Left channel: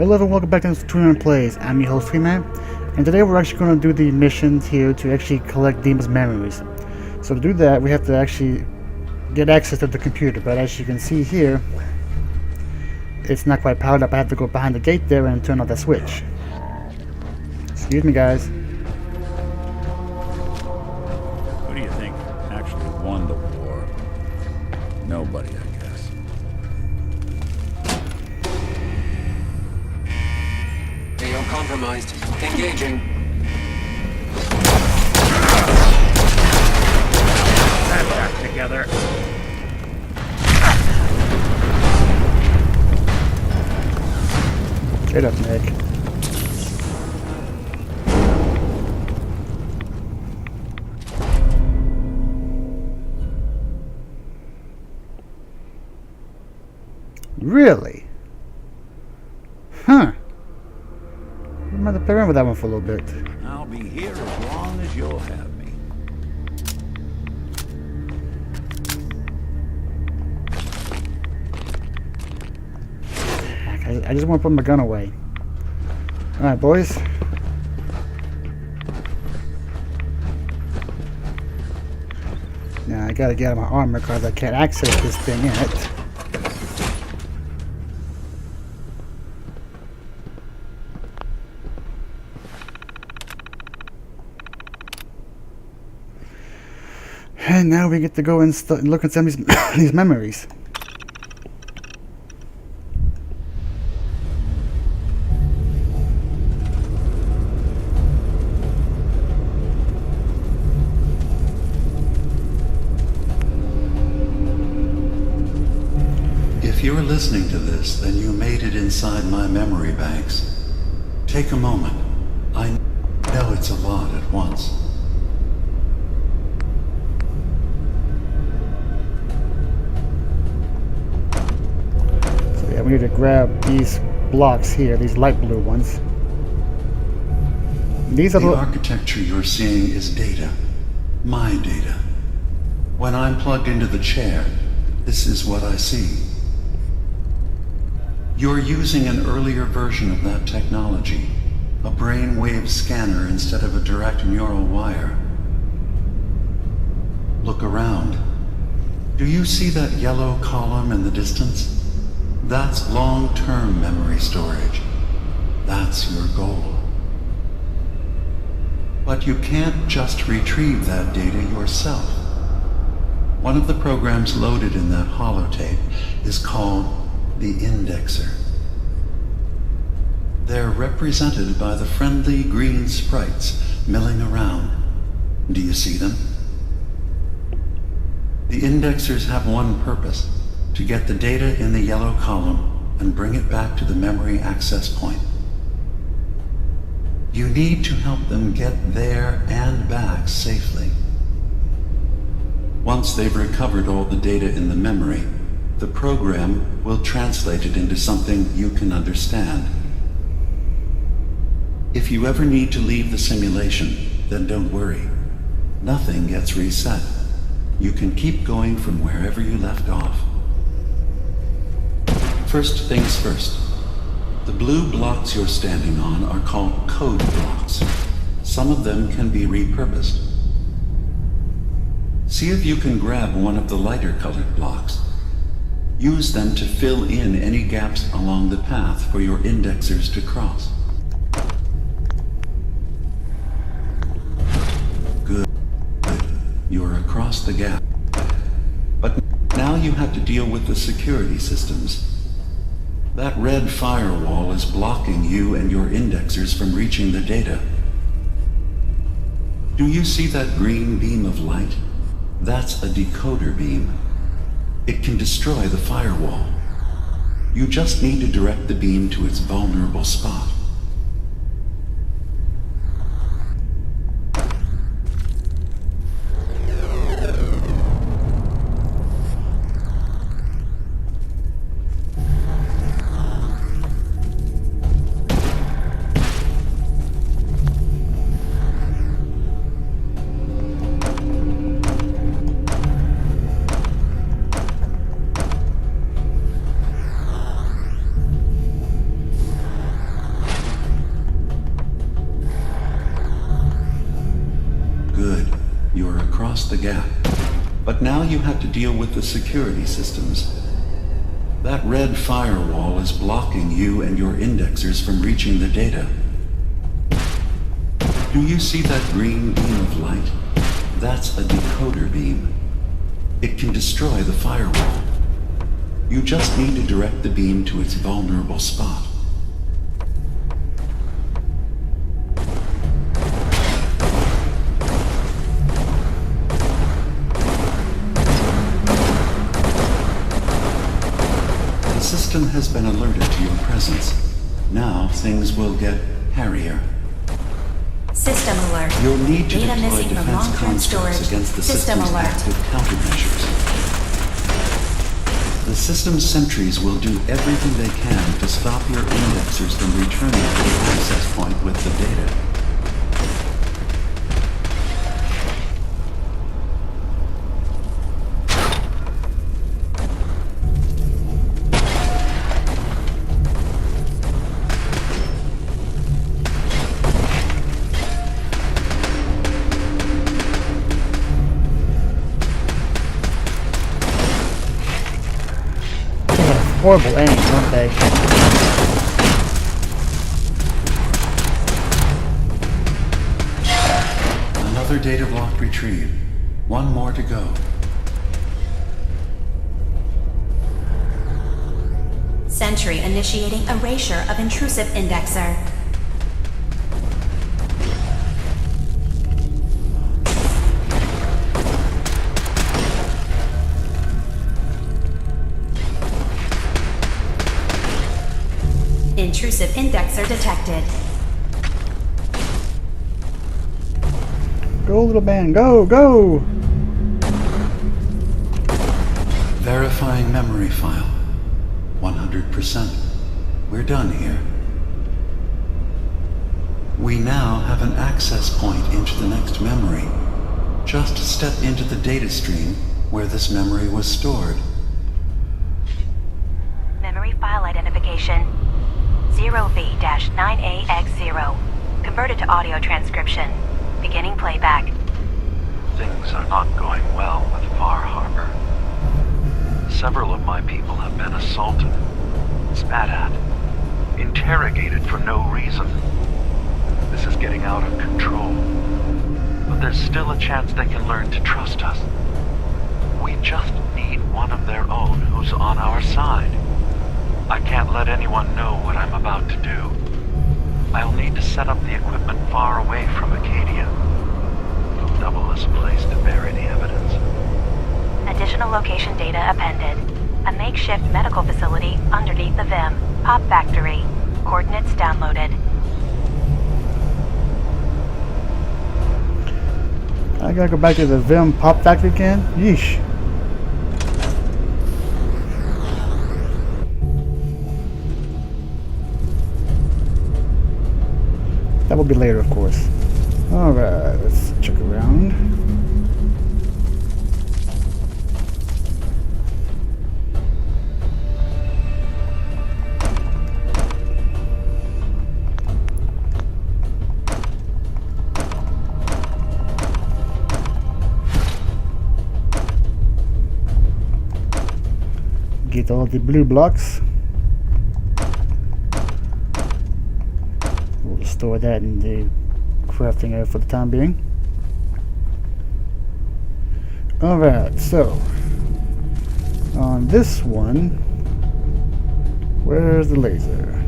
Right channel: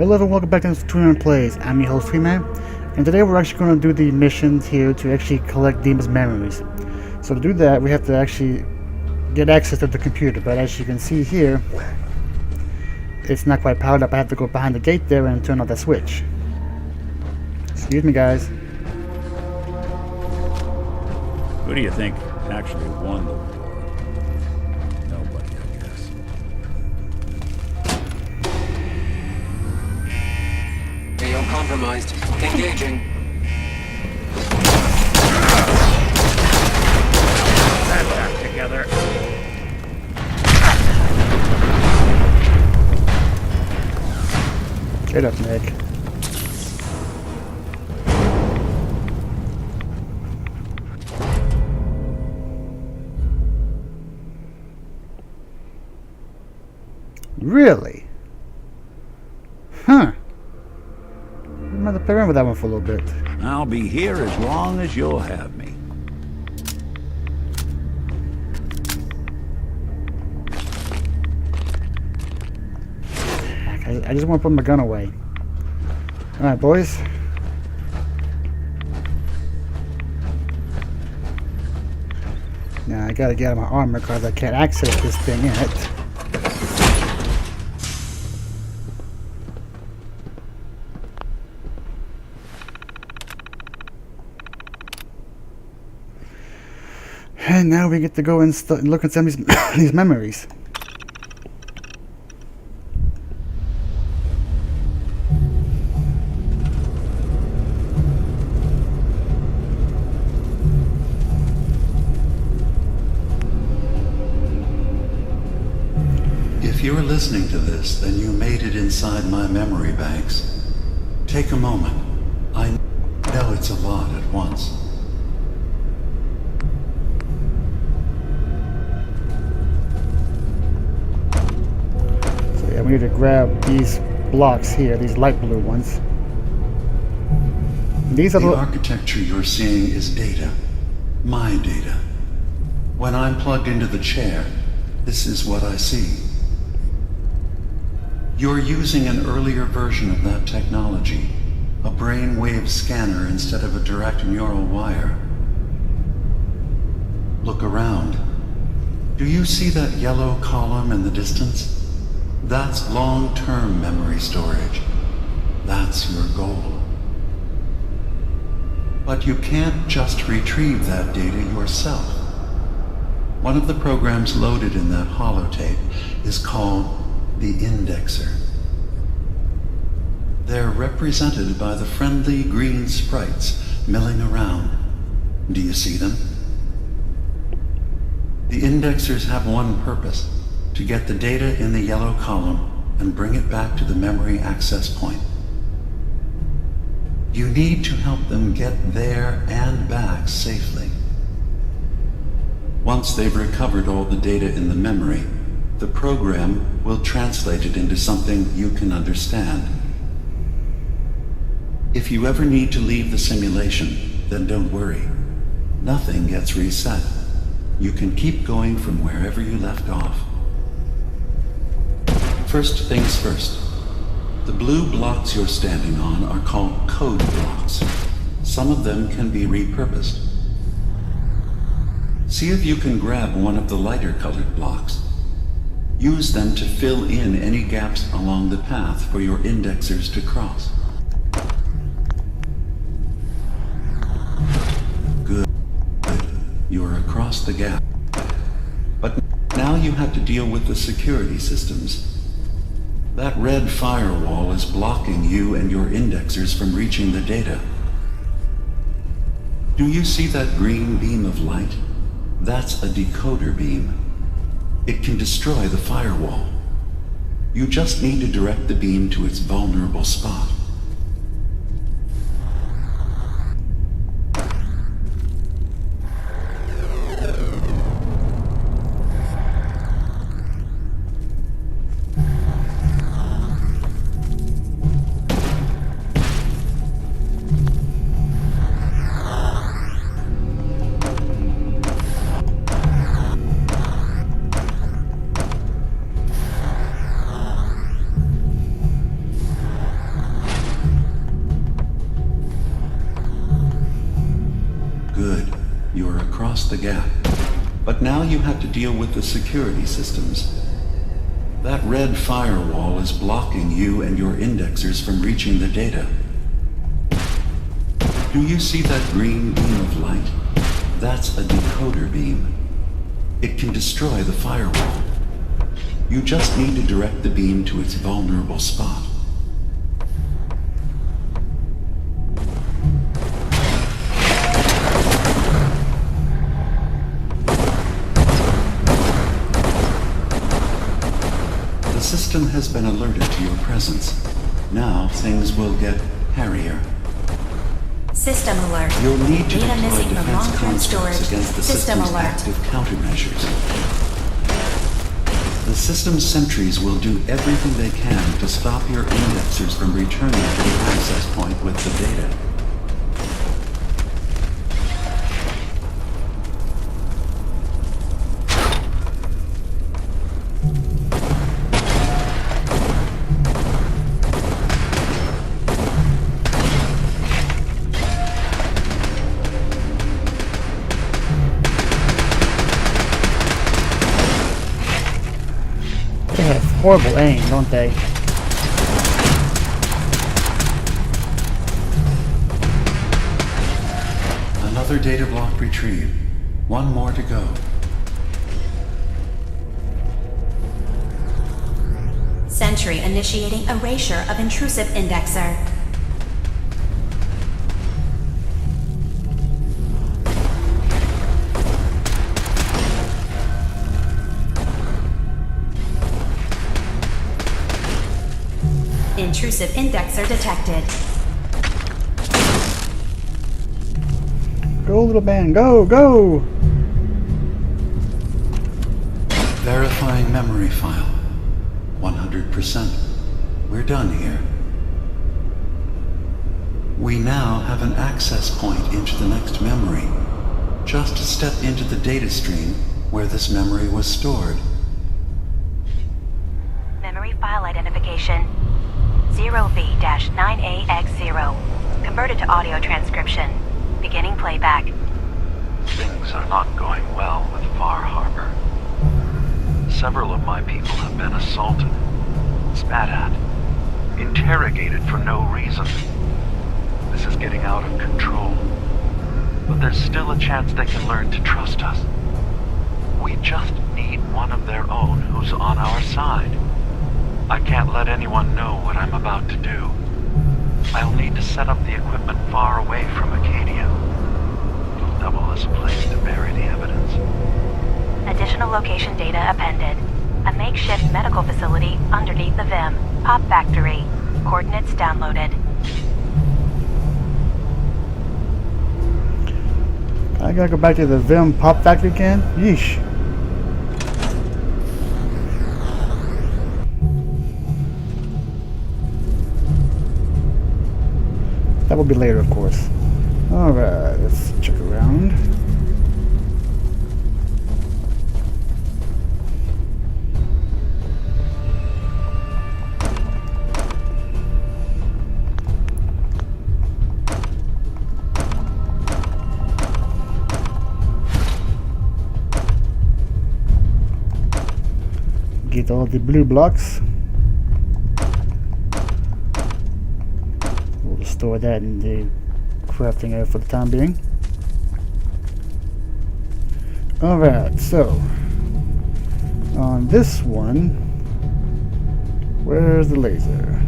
Hello everyone, welcome back to Twiman Plays. I'm your host Twi-Man, and today we're actually going to do the missions here to actually collect Dimma's memories. So to do that, we have to actually get access to the computer, but as you can see here, it's not quite powered up. I have to go behind the gate there and turn on that switch. Excuse me, guys. Who do you think actually won the war? Nobody, I guess. Video compromised. Engaging. That back together. Get up, Nick. Really? Huh. I'm going to play around with that one for a little bit. I'll be here as long as you'll have me. I just want to put my gun away. Alright, boys. Now I gotta get out of my armor because I can't access this thing yet. And now we get to go and look at some of these memories. If you're listening to this, then you made it inside my memory banks. Take a moment. I know it's a lot at once. So yeah, we need to grab these blocks here, these light blue ones. These are The architecture you're seeing is data. My data. When I'm plugged into the chair, this is what I see. You're using an earlier version of that technology, a brainwave scanner instead of a direct neural wire. Look around. Do you see that yellow column in the distance? That's long-term memory storage. That's your goal. But you can't just retrieve that data yourself. One of the programs loaded in that holotape is called the indexer. They're represented by the friendly green sprites milling around. Do you see them? The indexers have one purpose: to get the data in the yellow column and bring it back to the memory access point. You need to help them get there and back safely. Once they've recovered all the data in the memory, the program will translate it into something you can understand. If you ever need to leave the simulation, then don't worry. Nothing gets reset. You can keep going from wherever you left off. First things first. The blue blocks you're standing on are called code blocks. Some of them can be repurposed. See if you can grab one of the lighter colored blocks. Use them to fill in any gaps along the path for your indexers to cross. Good. You're across the gap. But now you have to deal with the security systems. That red firewall is blocking you and your indexers from reaching the data. Do you see that green beam of light? That's a decoder beam. It can destroy the firewall. You just need to direct the beam to its vulnerable spot. across the gap. But now you have to deal with the security systems. That red firewall is blocking you and your indexers from reaching the data. Do you see that green beam of light? That's a decoder beam. It can destroy the firewall. You just need to direct the beam to its vulnerable spot. The system has been alerted to your presence. Now things will get hairier. System alert. You'll need to Data deploy missing from defense long-term constructs storage. against the System system's alert. active countermeasures. The system's sentries will do everything they can to stop your indexers from returning to the access point with the data. They have horrible aim, don't they? Another data block retrieved. One more to go. Sentry initiating erasure of intrusive indexer. Intrusive indexer detected. Go, little man, go, go! Verifying memory file. 100%. We're done here. We now have an access point into the next memory. Just step into the data stream where this memory was stored. Memory file identification 0V-9AX0. Converted to audio transcription. Beginning playback. Things are not going well with Far Harbor. Several of my people have been assaulted, spat at, interrogated for no reason. This is getting out of control. But there's still a chance they can learn to trust us. We just need one of their own who's on our side. I can't let anyone know what I'm about to do. I'll need to set up the equipment far away from Acadia. It'll double as a place to bury the evidence. Additional location data appended. A makeshift medical facility underneath the VIM. Pop factory. Coordinates downloaded. I gotta go back to the Vim Pop Factory again? Yeesh. That will be later, of course. Alright, let's check around. Get all the blue blocks. We'll store that in the crafting area for the time being. Alright, so on this one, where's the laser?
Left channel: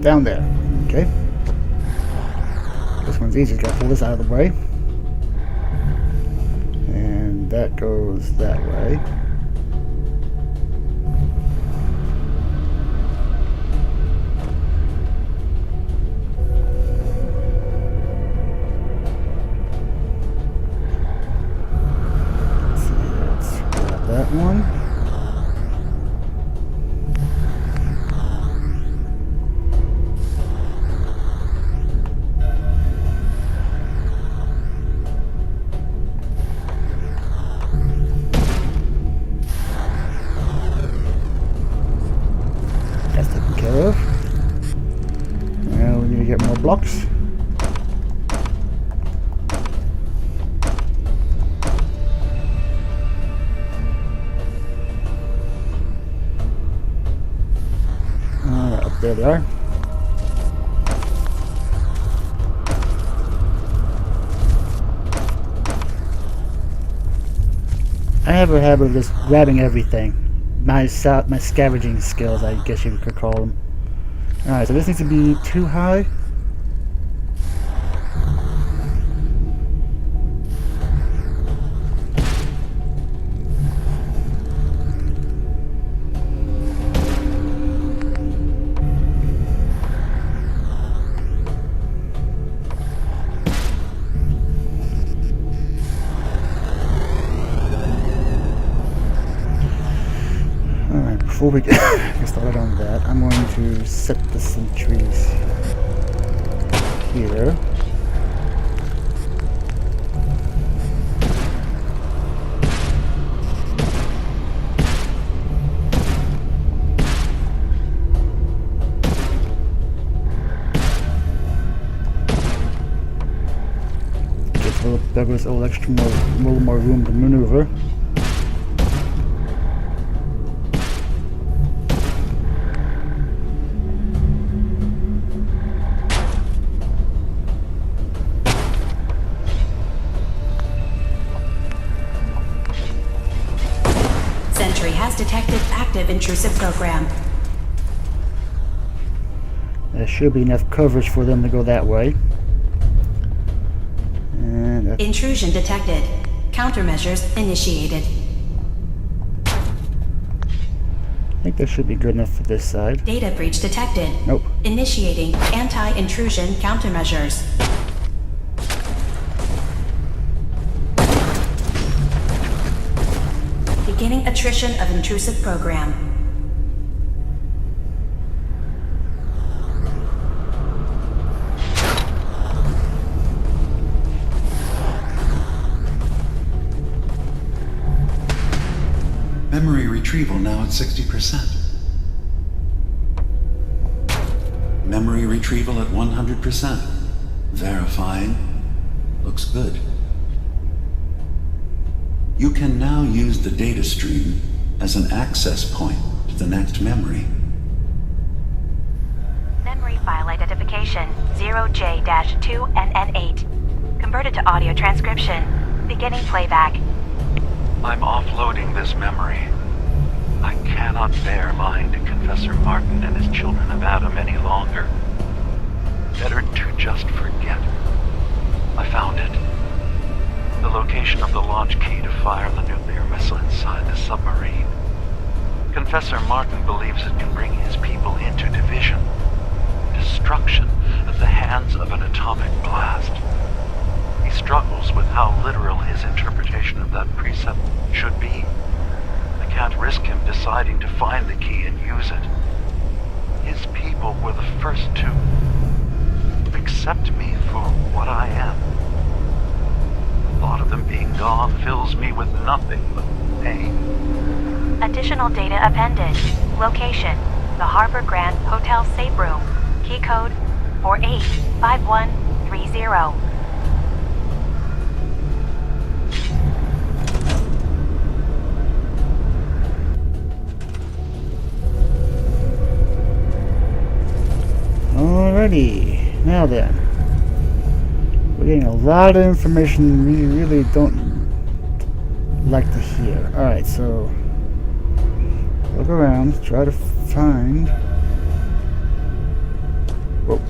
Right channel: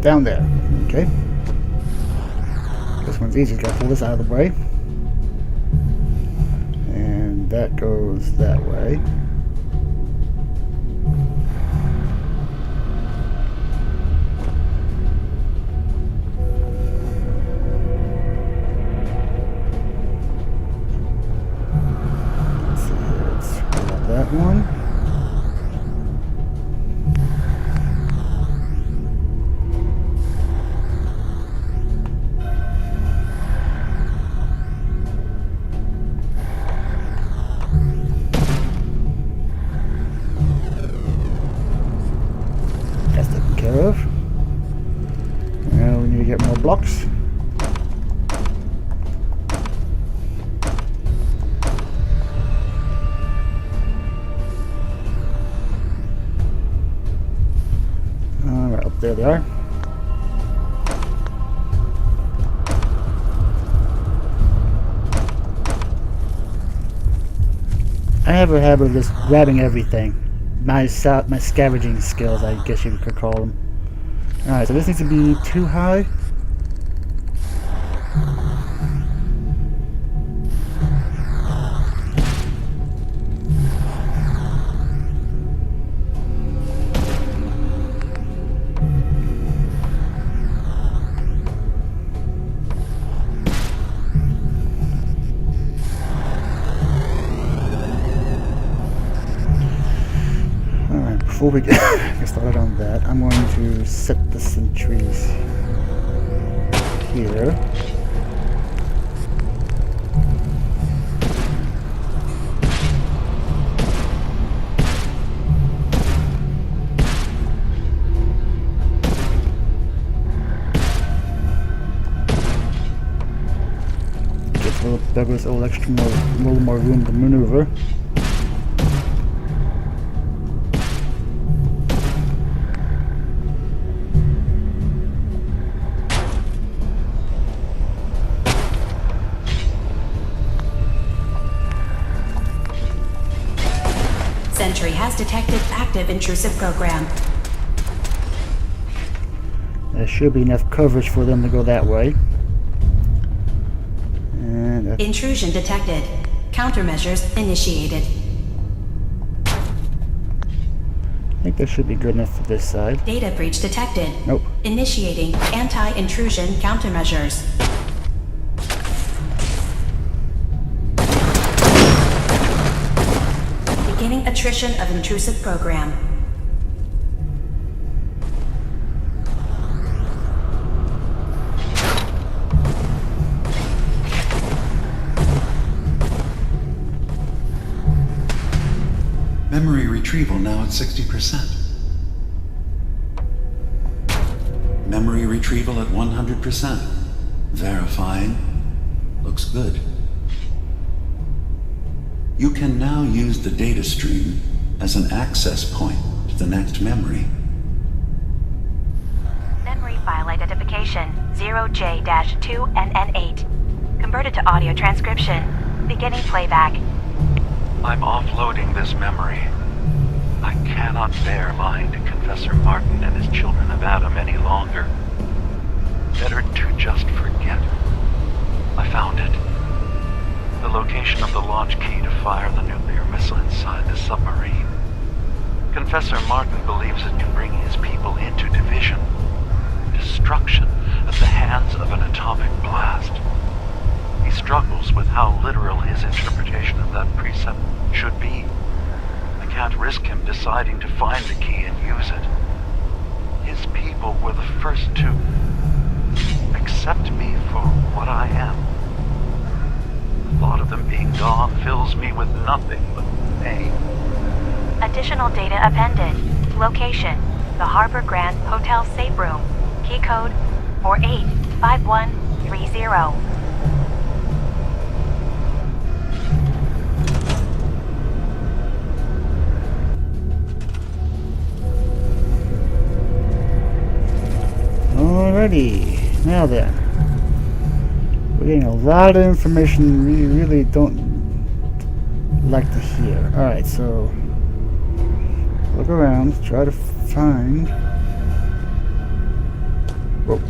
Down there. Okay. This one's easy. Gotta pull this out of the way. And that goes that way. Let's see here. Let's grab that one. That's taken care of. Now we need to get more blocks. There they are. I have a habit of just grabbing everything. My scavenging skills, I guess you could call them. Alright, so this needs to be too high. Alright, before we get started on that, I'm going to set the sentries here. Gives little buggers a little more room to maneuver. Sentry has detected active intrusive program. There should be enough coverage for them to go that way. And Intrusion detected. Countermeasures initiated. I think that should be good enough for this side. Data breach detected. Nope. Initiating anti-intrusion countermeasures. Beginning attrition of intrusive program. Memory retrieval now at 60%. Memory retrieval at 100%. Verifying. Looks good. You can now use the data stream as an access point to the next memory. Memory file identification 0J-2NN8. Converted to audio transcription. Beginning playback. I'm offloading this memory. I cannot bear lying to Confessor Martin and his children of Adam any longer. Better to just forget. I found it. The location of the launch key to fire the nuclear missile inside the submarine. Confessor Martin believes it can bring his people into division, destruction at the hands of an atomic blast. He struggles with how literal his interpretation of that precept should be. I can't risk him deciding to find the key and use it. His people were the first to accept me for what I am. The thought of them being gone fills me with nothing but pain. Additional data appended. Location: the Harbor Grand Hotel Safe Room. Key code 485130. alrighty, now then. We're getting a lot of information we really don't like to hear. Alright, so look around, try to find. Whoa.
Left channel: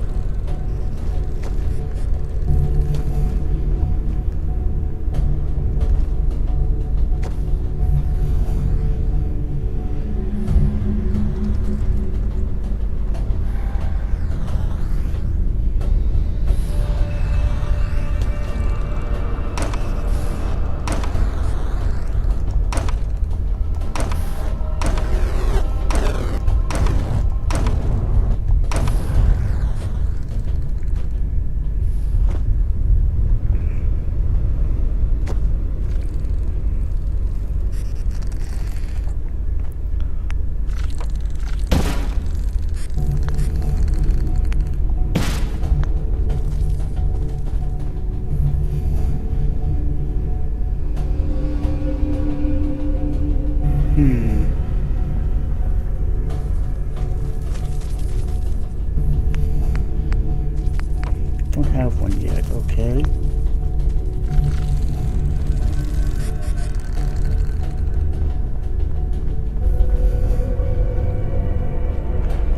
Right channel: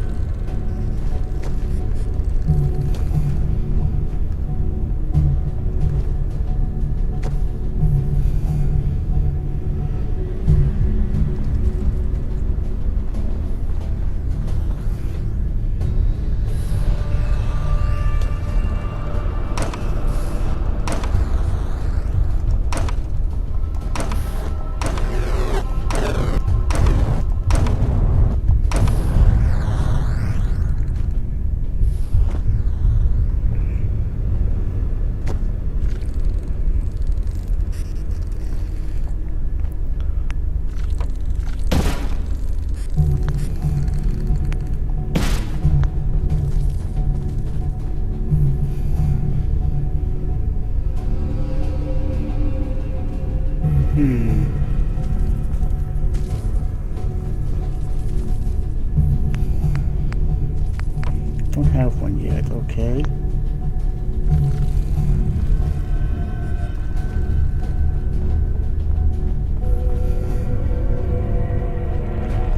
have one yet. Okay.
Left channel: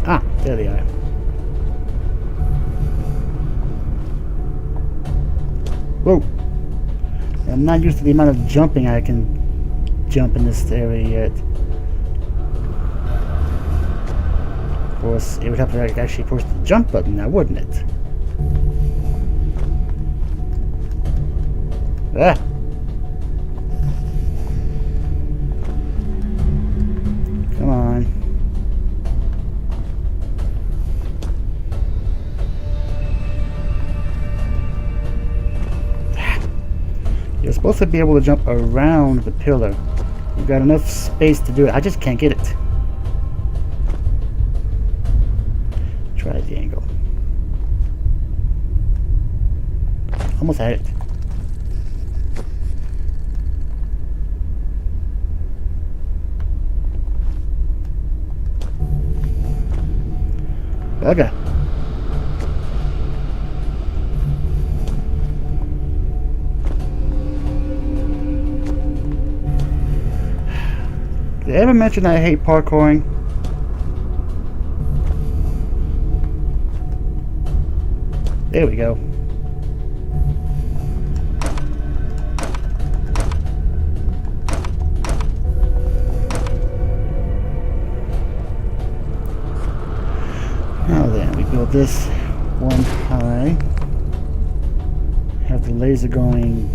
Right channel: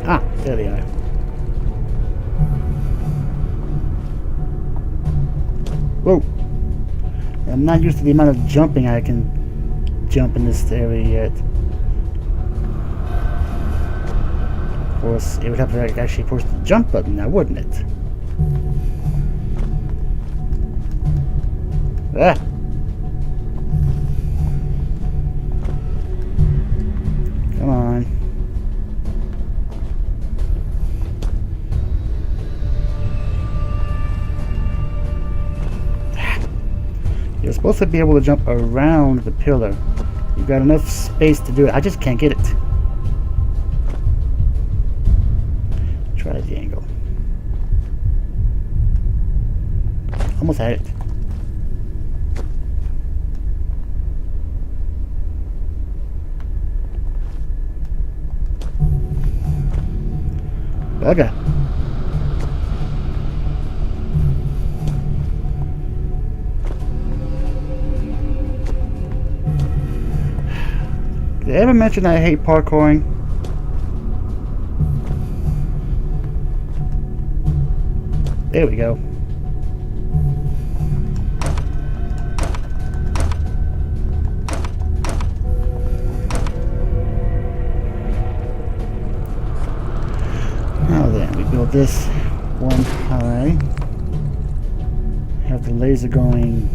Ah, there they are. Whoa. I'm not used to the amount of jumping I can jump in this area yet. Of course, it would have to actually push the jump button now, wouldn't it? Ah! Come on. You're supposed to be able to jump around the pillar. You've got enough space to do it. I just can't get it. Try the angle. Almost had it. Okay. Did I ever mention that I hate parkouring? There we go. Now then, we build this one high. Have the laser going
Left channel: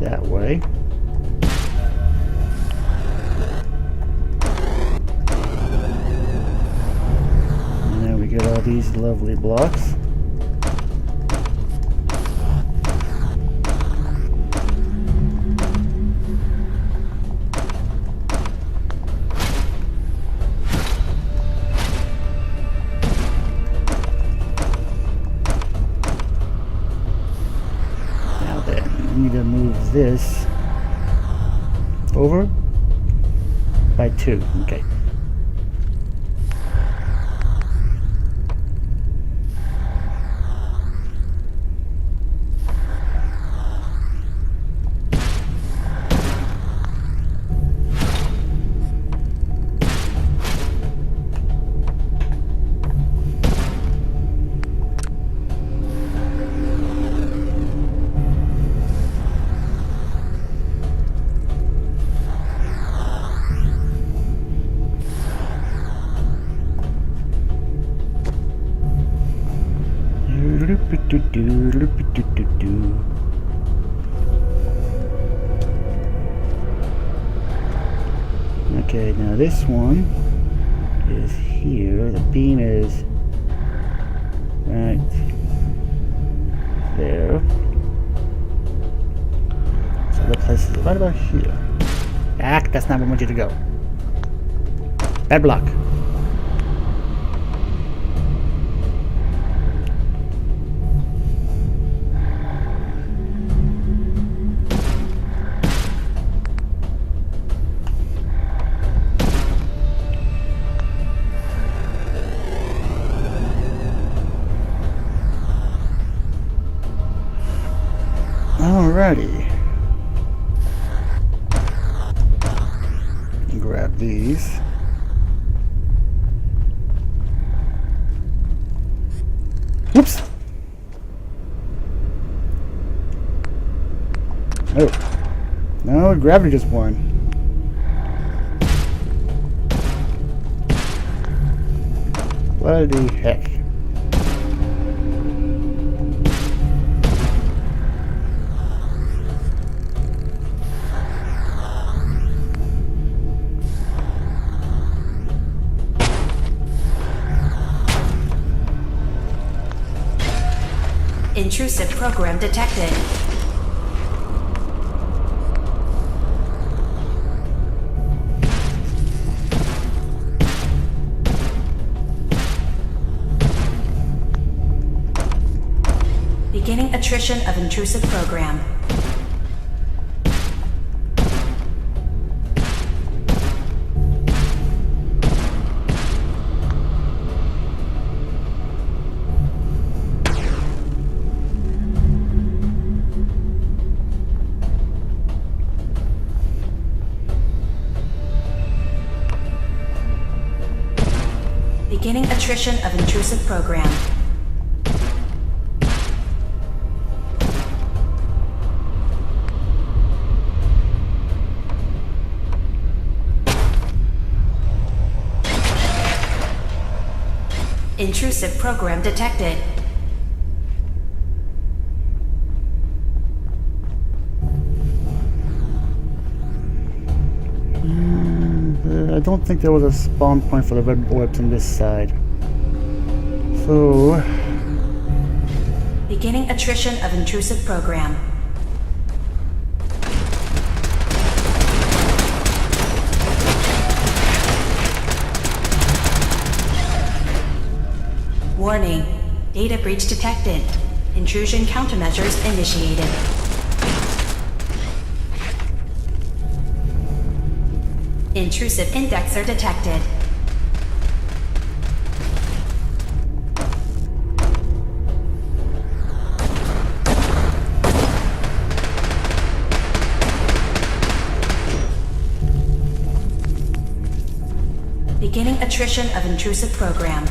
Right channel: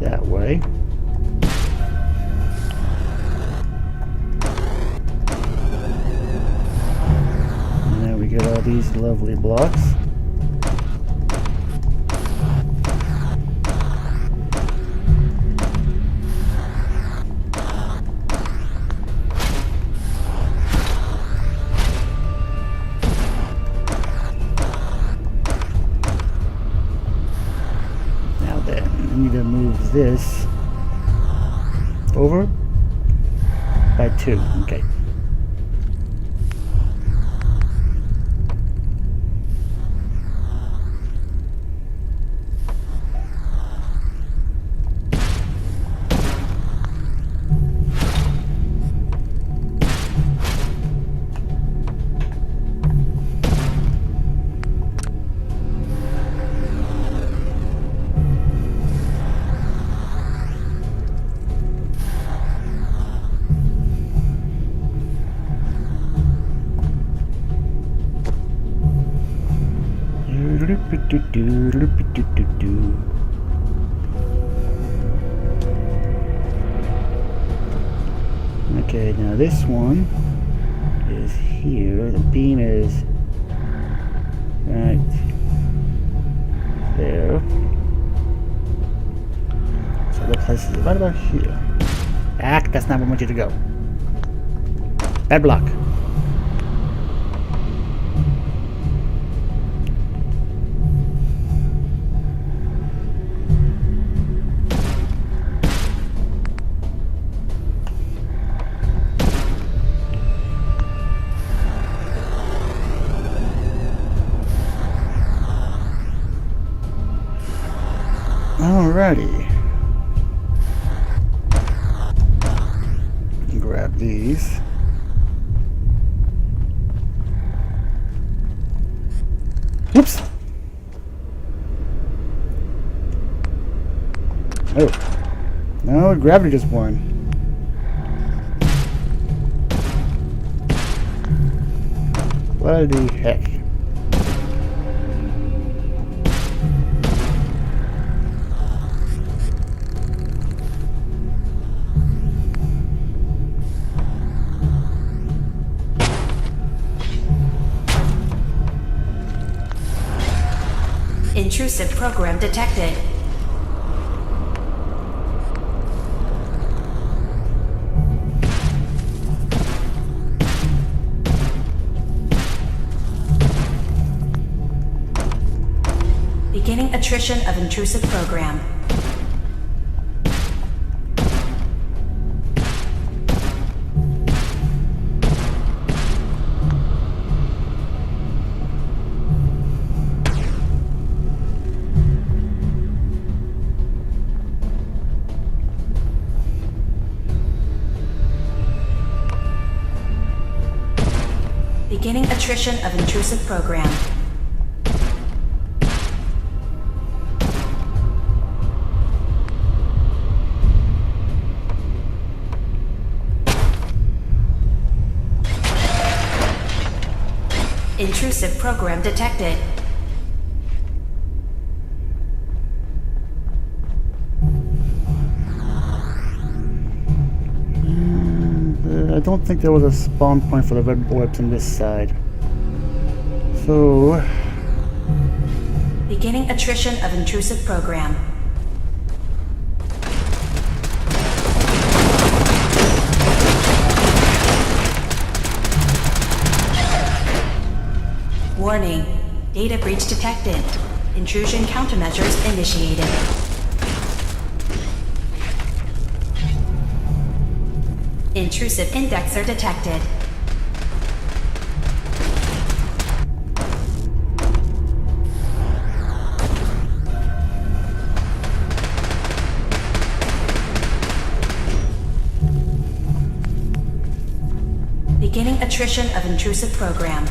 that way. And then we get all these lovely blocks. I need to move this over by 2. Okay. Okay, now this one is here. The beam is right there. So the place is right about here. Back, that's not where I want you to go. Bad block. Alrighty. Grab these. Whoops! Oh. No, gravity just won. What the heck? Intrusive program detected. Beginning attrition of intrusive program. Beginning attrition of intrusive program. Intrusive program detected. I don't think there was a spawn point for the red orbs on this side. So... Beginning attrition of intrusive program. Warning. Data breach detected. Intrusion countermeasures initiated. Intrusive indexer detected. Beginning attrition of intrusive program.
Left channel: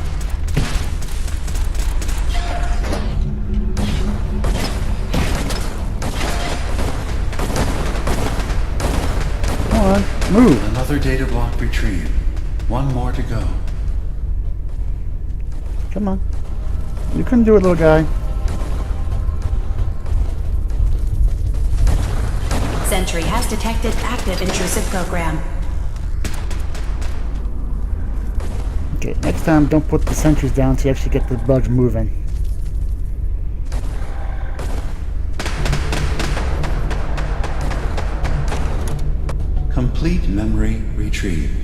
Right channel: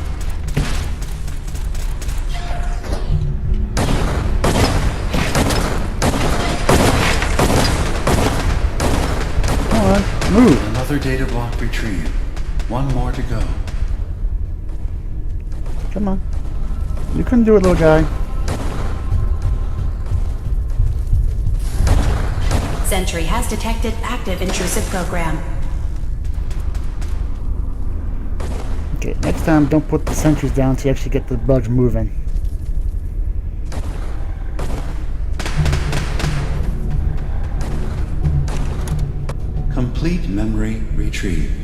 Come on, move! Another data block retrieved. One more to go. Come on. You can do it, little guy. Sentry has detected active intrusive program. Okay, next time don't put the sentries down to actually get the bugs moving. Complete memory retrieved.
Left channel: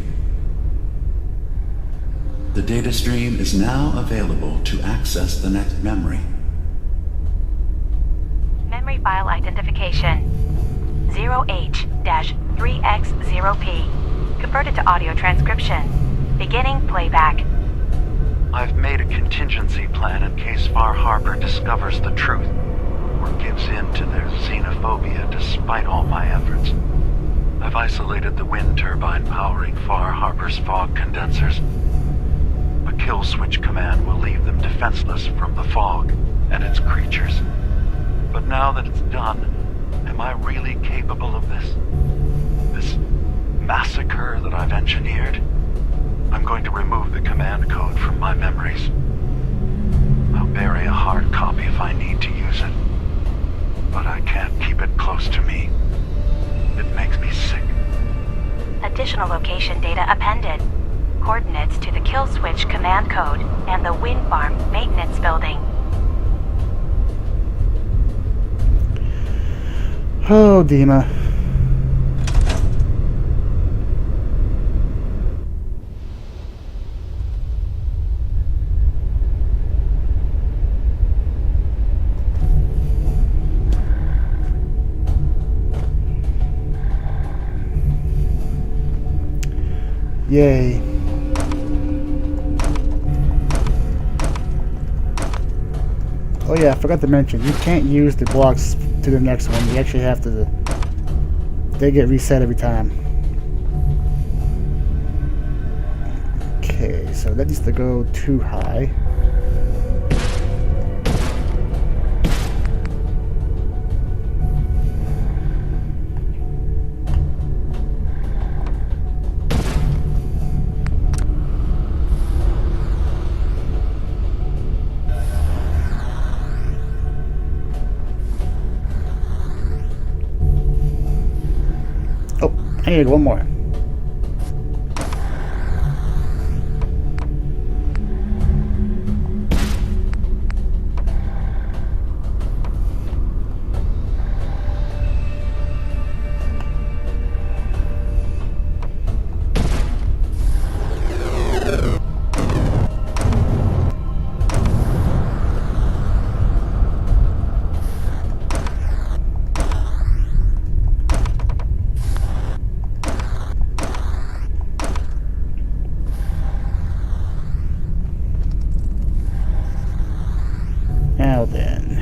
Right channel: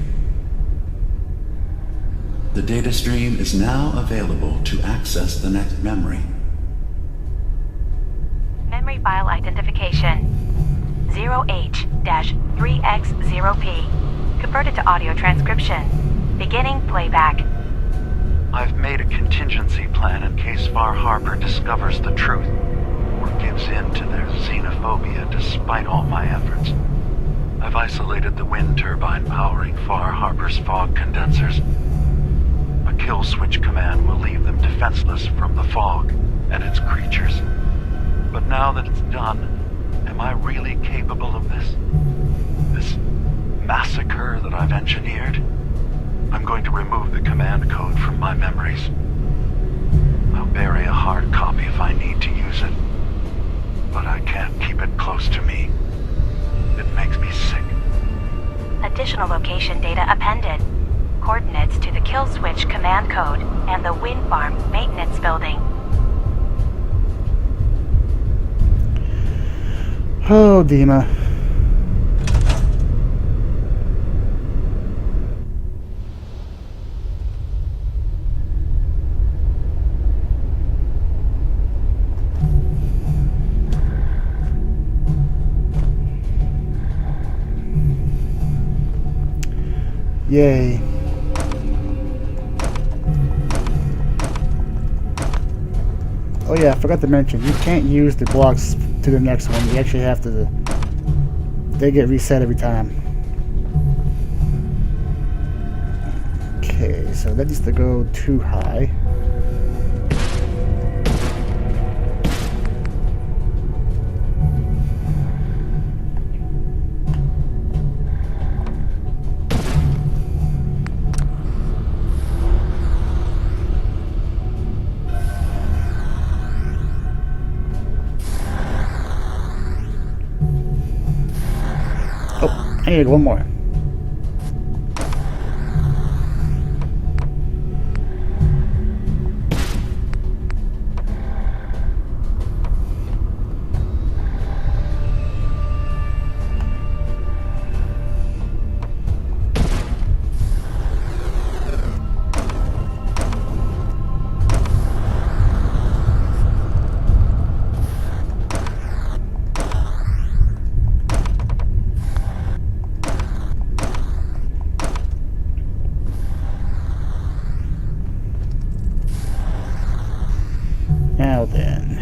The data stream is now available to access the next memory. Memory file identification 0H-3X0P. Converted to audio transcription. Beginning playback. I've made a contingency plan in case Far Harbor discovers the truth or gives in to their xenophobia despite all my efforts. I've isolated the wind turbine powering Far Harbor's fog condensers. A kill switch command will leave them defenseless from the fog and its creatures. But now that it's done, am I really capable of this? This massacre that I've engineered? I'm going to remove the command code from my memories. I'll bury a hard copy if I need to use it. But I can't keep it close to me. It makes me sick. Additional location data appended. Coordinates to the kill switch command code and the wind farm maintenance building. Oh, Dimma. Yay. Oh yeah, I forgot to mention, you can't use the blocks to the next one. You actually have to... They get reset every time. Okay, so that needs to go too high. I need one more. Now then.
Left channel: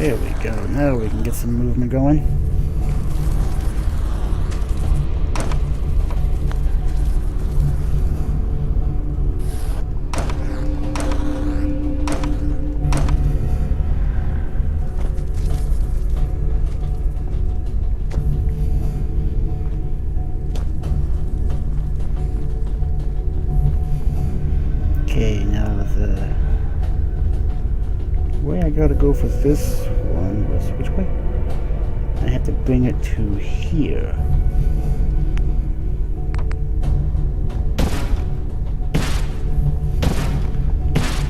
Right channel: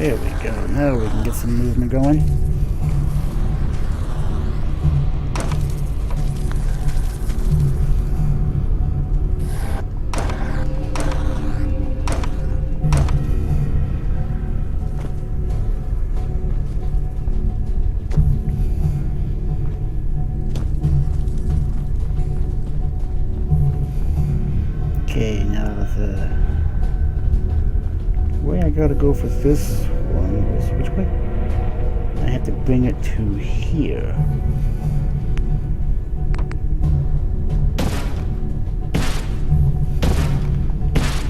There we go. Now we can get some movement going. Okay, now the way I gotta go for this one was which way? I have to bring it to here.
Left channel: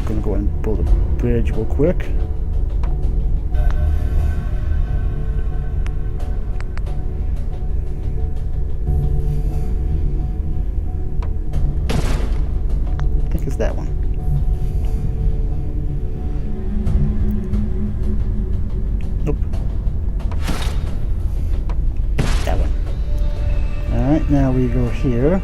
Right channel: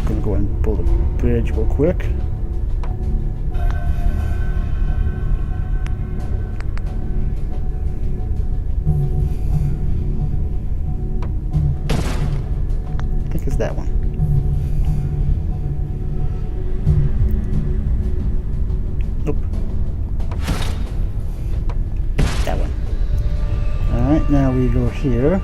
Gonna go ahead and pull the bridge real quick. I think it's that one. Nope. That one. Alright, now we go here.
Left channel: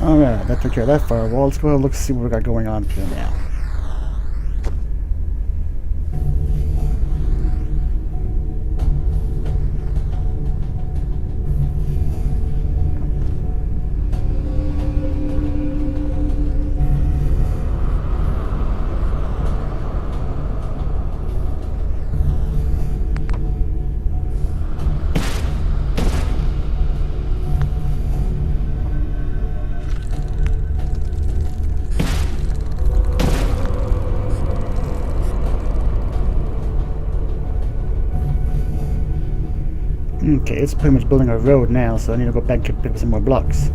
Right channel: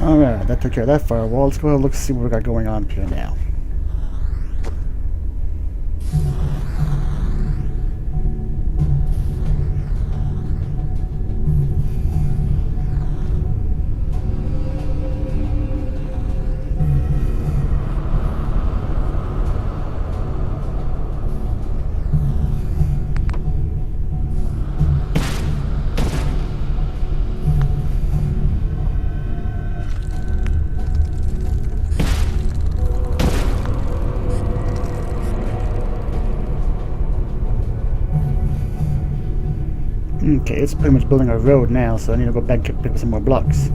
Alright, that took care of that firewall. Let's go ahead and look see what we got going on here now. Okay, it's pretty much building a road now, so I need to go back and pick up some more blocks.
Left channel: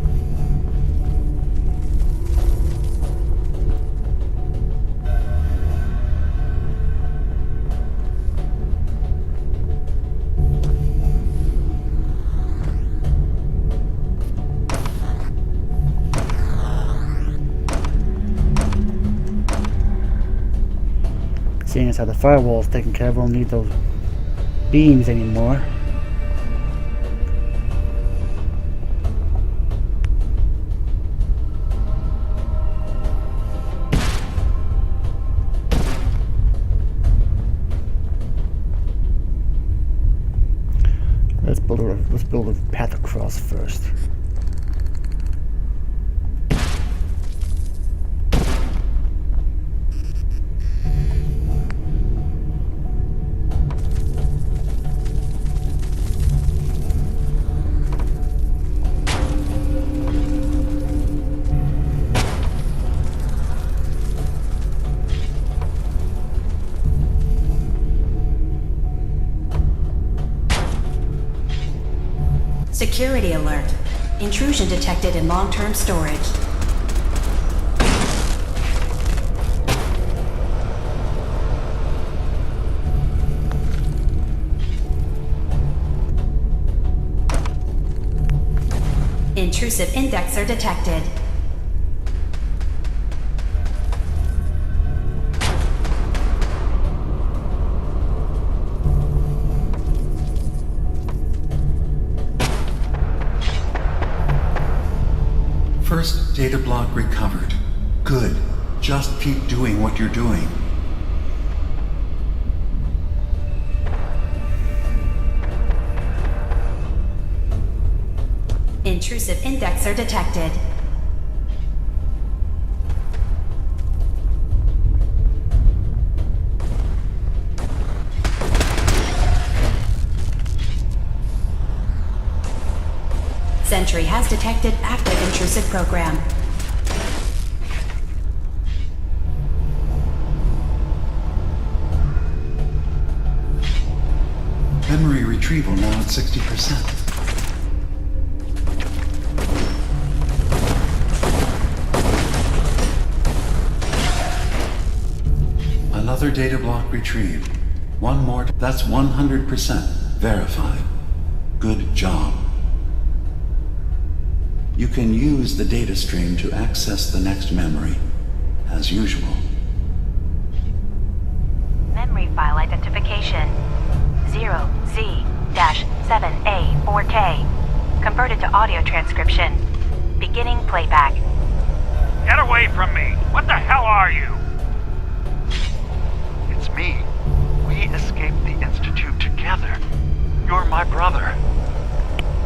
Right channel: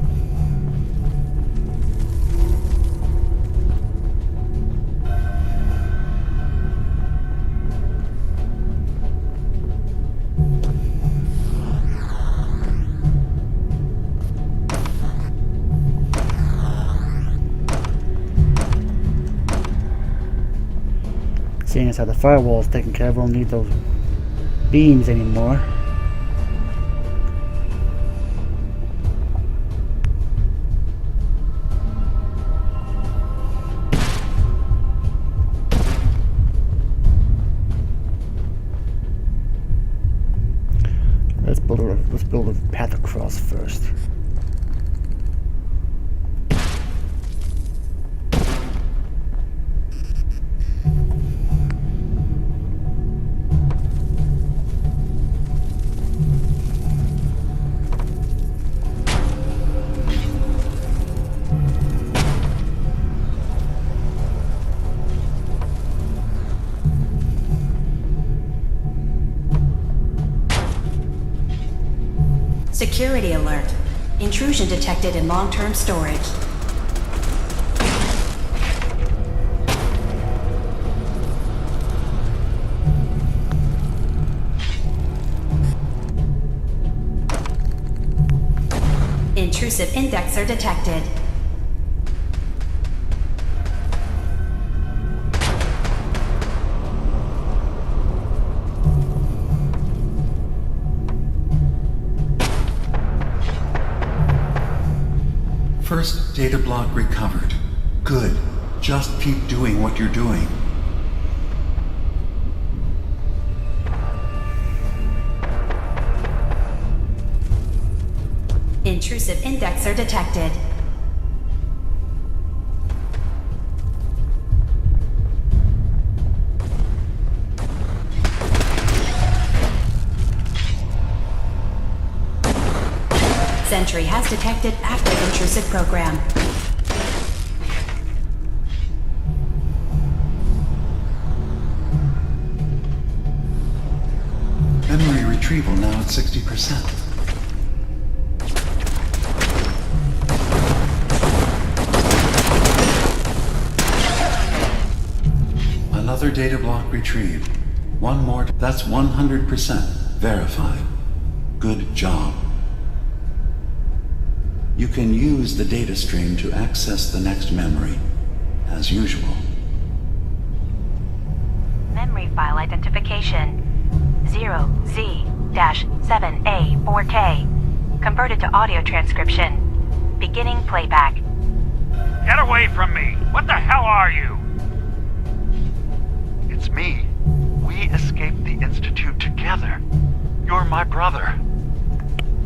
Seeing as how the firewall is taken care of, we don't need those beams anymore. Let's build a path across first. Security alert. Intrusion detected in long-term storage. Intrusive indexer detected. First data block recovered. Good. Just keep doing what you're doing. Intrusive indexer detected. Sentry has detected active intrusive program. Memory retrieval now at 60%. Another data block retrieved. One more. That's 100% verified. Good job. You can use the data stream to access the next memory, as usual. memory file identification 0Z-7A4K. Converted to audio transcription. Beginning playback. Get away from me! What the hell are you? It's me. We escaped the Institute together. You're my brother.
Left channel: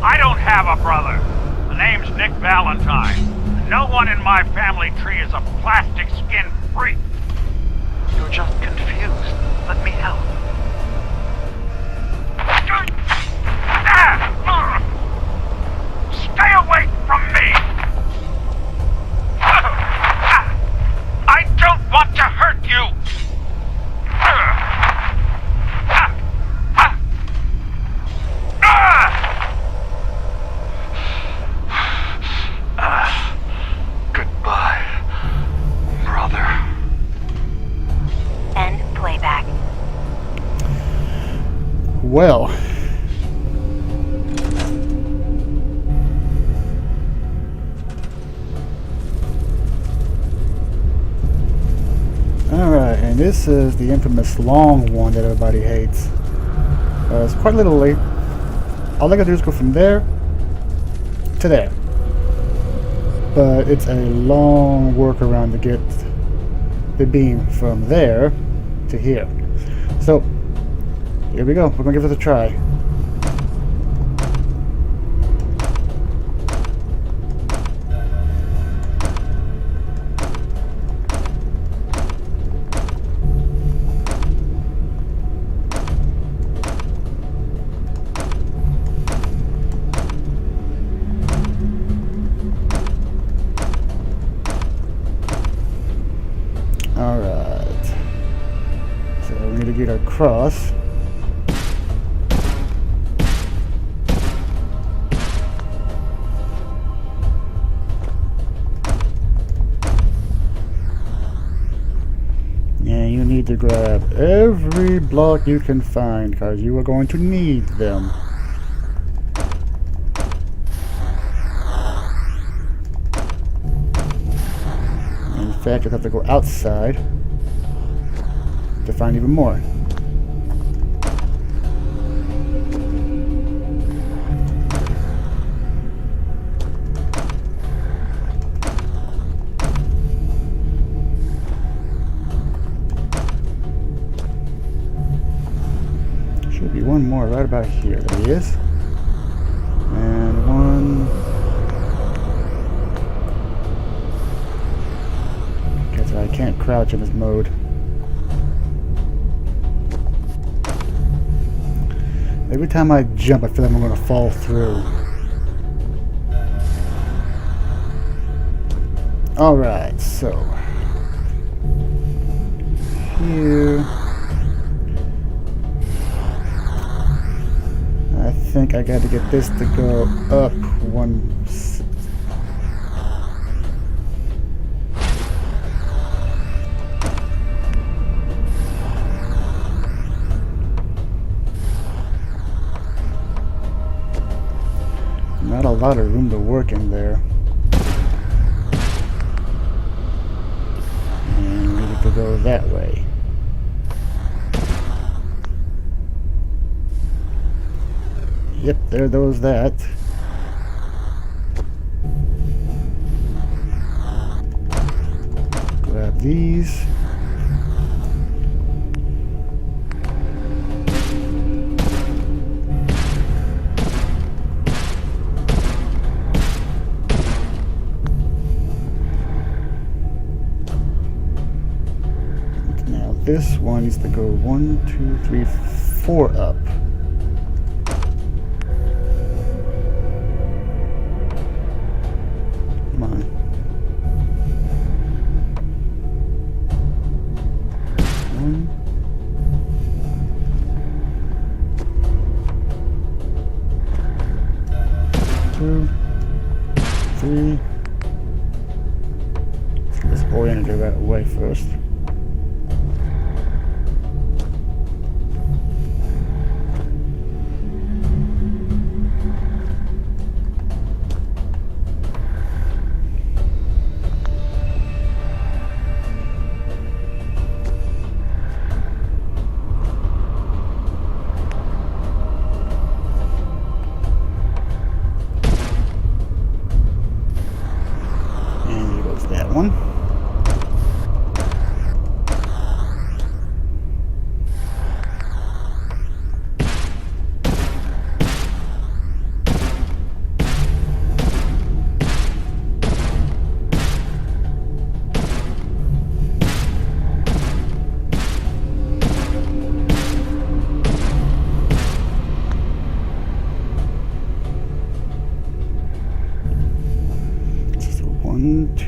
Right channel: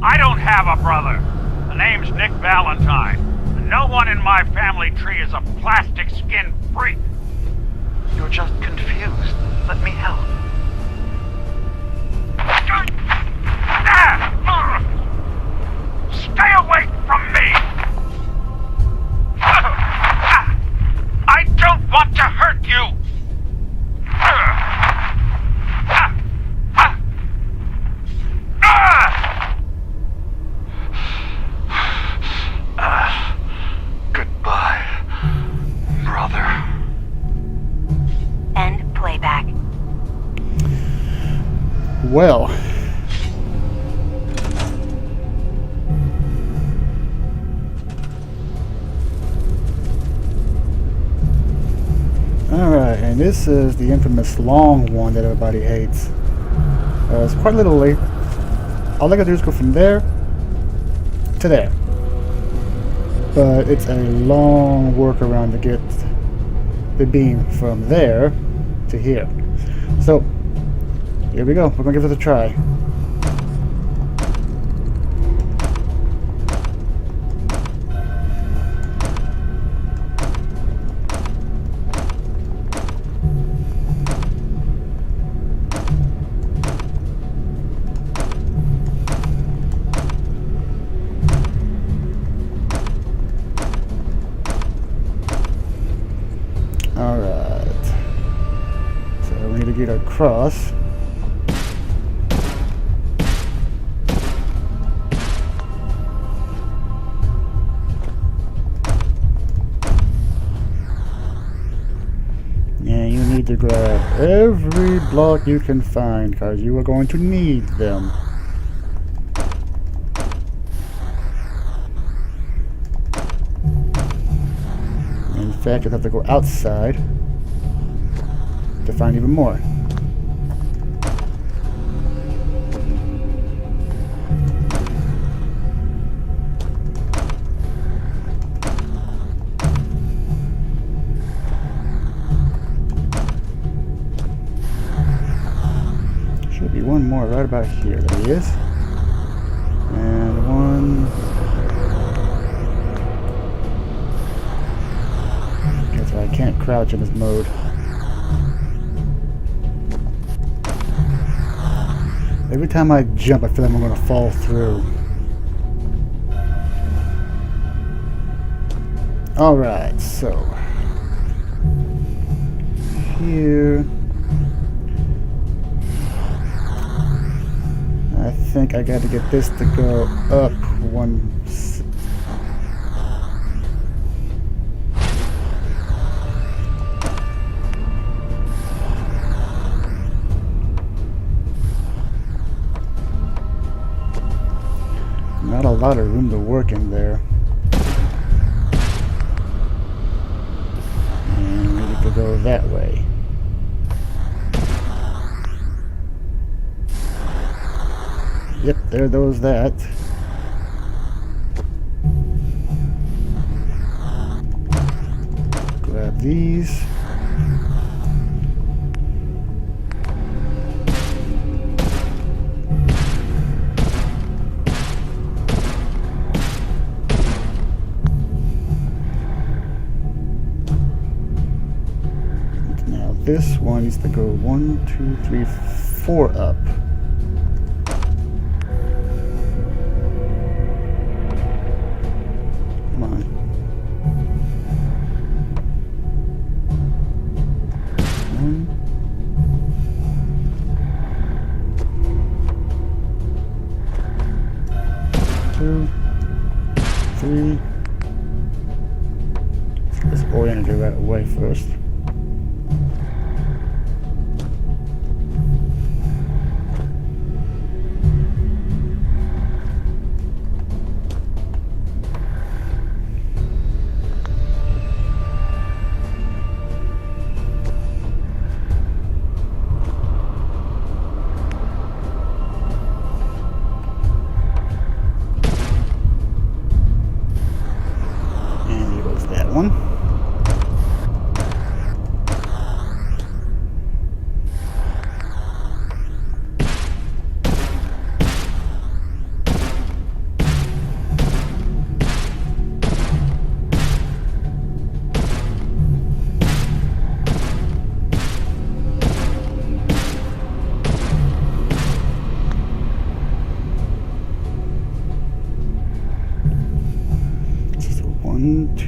I don't have a brother. The name's Nick Valentine. And no one in my family tree is a plastic skin freak. You're just confused. Let me help. Stay away from me! I don't want to hurt you! Goodbye, brother. End playback. Well. Alright, and this is the infamous long one that everybody hates. It's quite literally, all I gotta do is go from there to there. But it's a long workaround to get the beam from there to here. So, here we go. We're gonna give it a try. Alright. So we need to get across. And you need to grab every block you can find, because you are going to need them. In fact, you'll have to go outside to find even more. Should be one more right about here. There he is. And one. So I can't crouch in this mode. Every time I jump, I feel like I'm going to fall through. Alright, so here I think I got to get this to go up one. Not a lot of room to work in there. And we need to go that way. Yep, there goes that. Grab these. This one needs to go 1, 2, 3, 4 up. Come on. One. Two. 3. Let's get this oriented the right way first.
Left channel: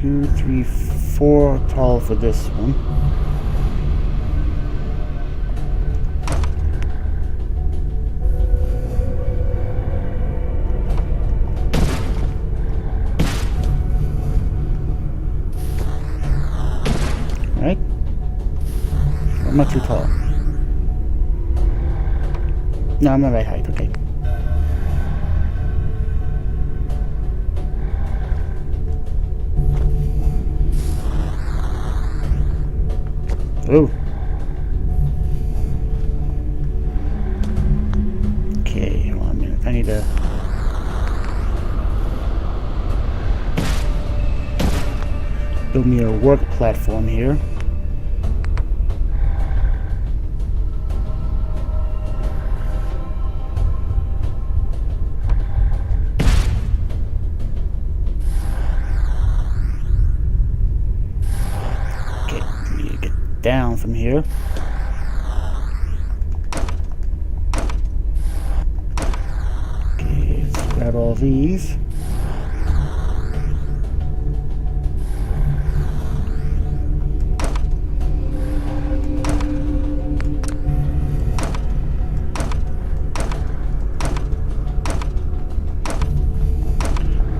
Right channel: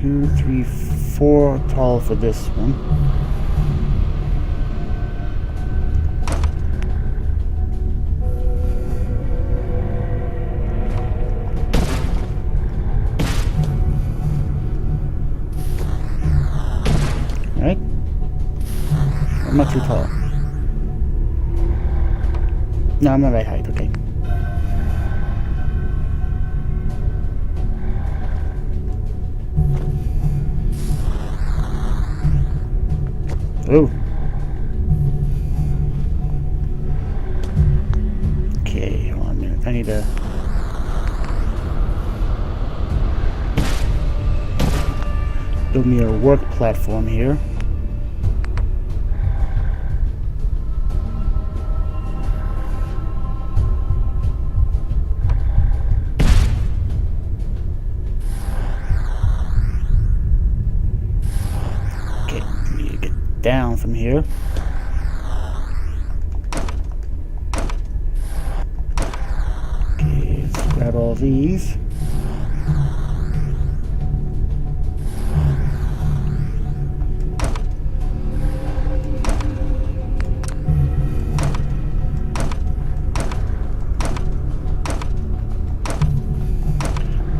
2, 3, 4 tall for this one. Right? I'm not too tall. No, I'm not right height, okay. Oh. Okay, hold on a minute. I need to... build me a work platform here. Okay, I need to get down from here. Okay, let's grab all these.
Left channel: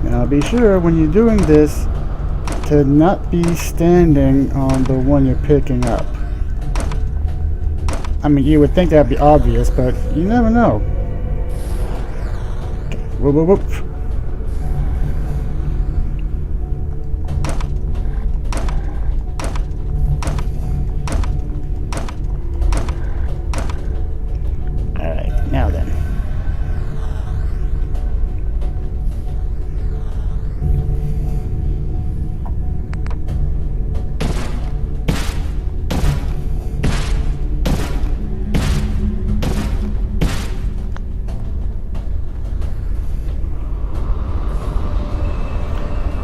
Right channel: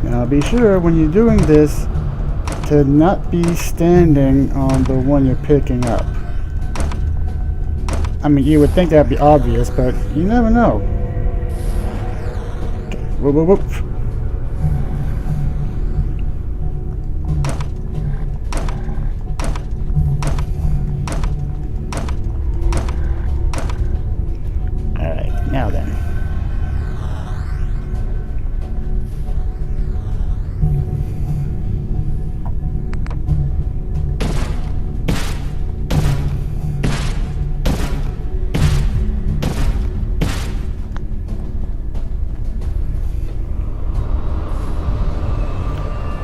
Now be sure when you're doing this to not be standing on the one you're picking up. I mean, you would think that'd be obvious, but you never know. Okay. Whoop, whoop, whoop. Alright, now then.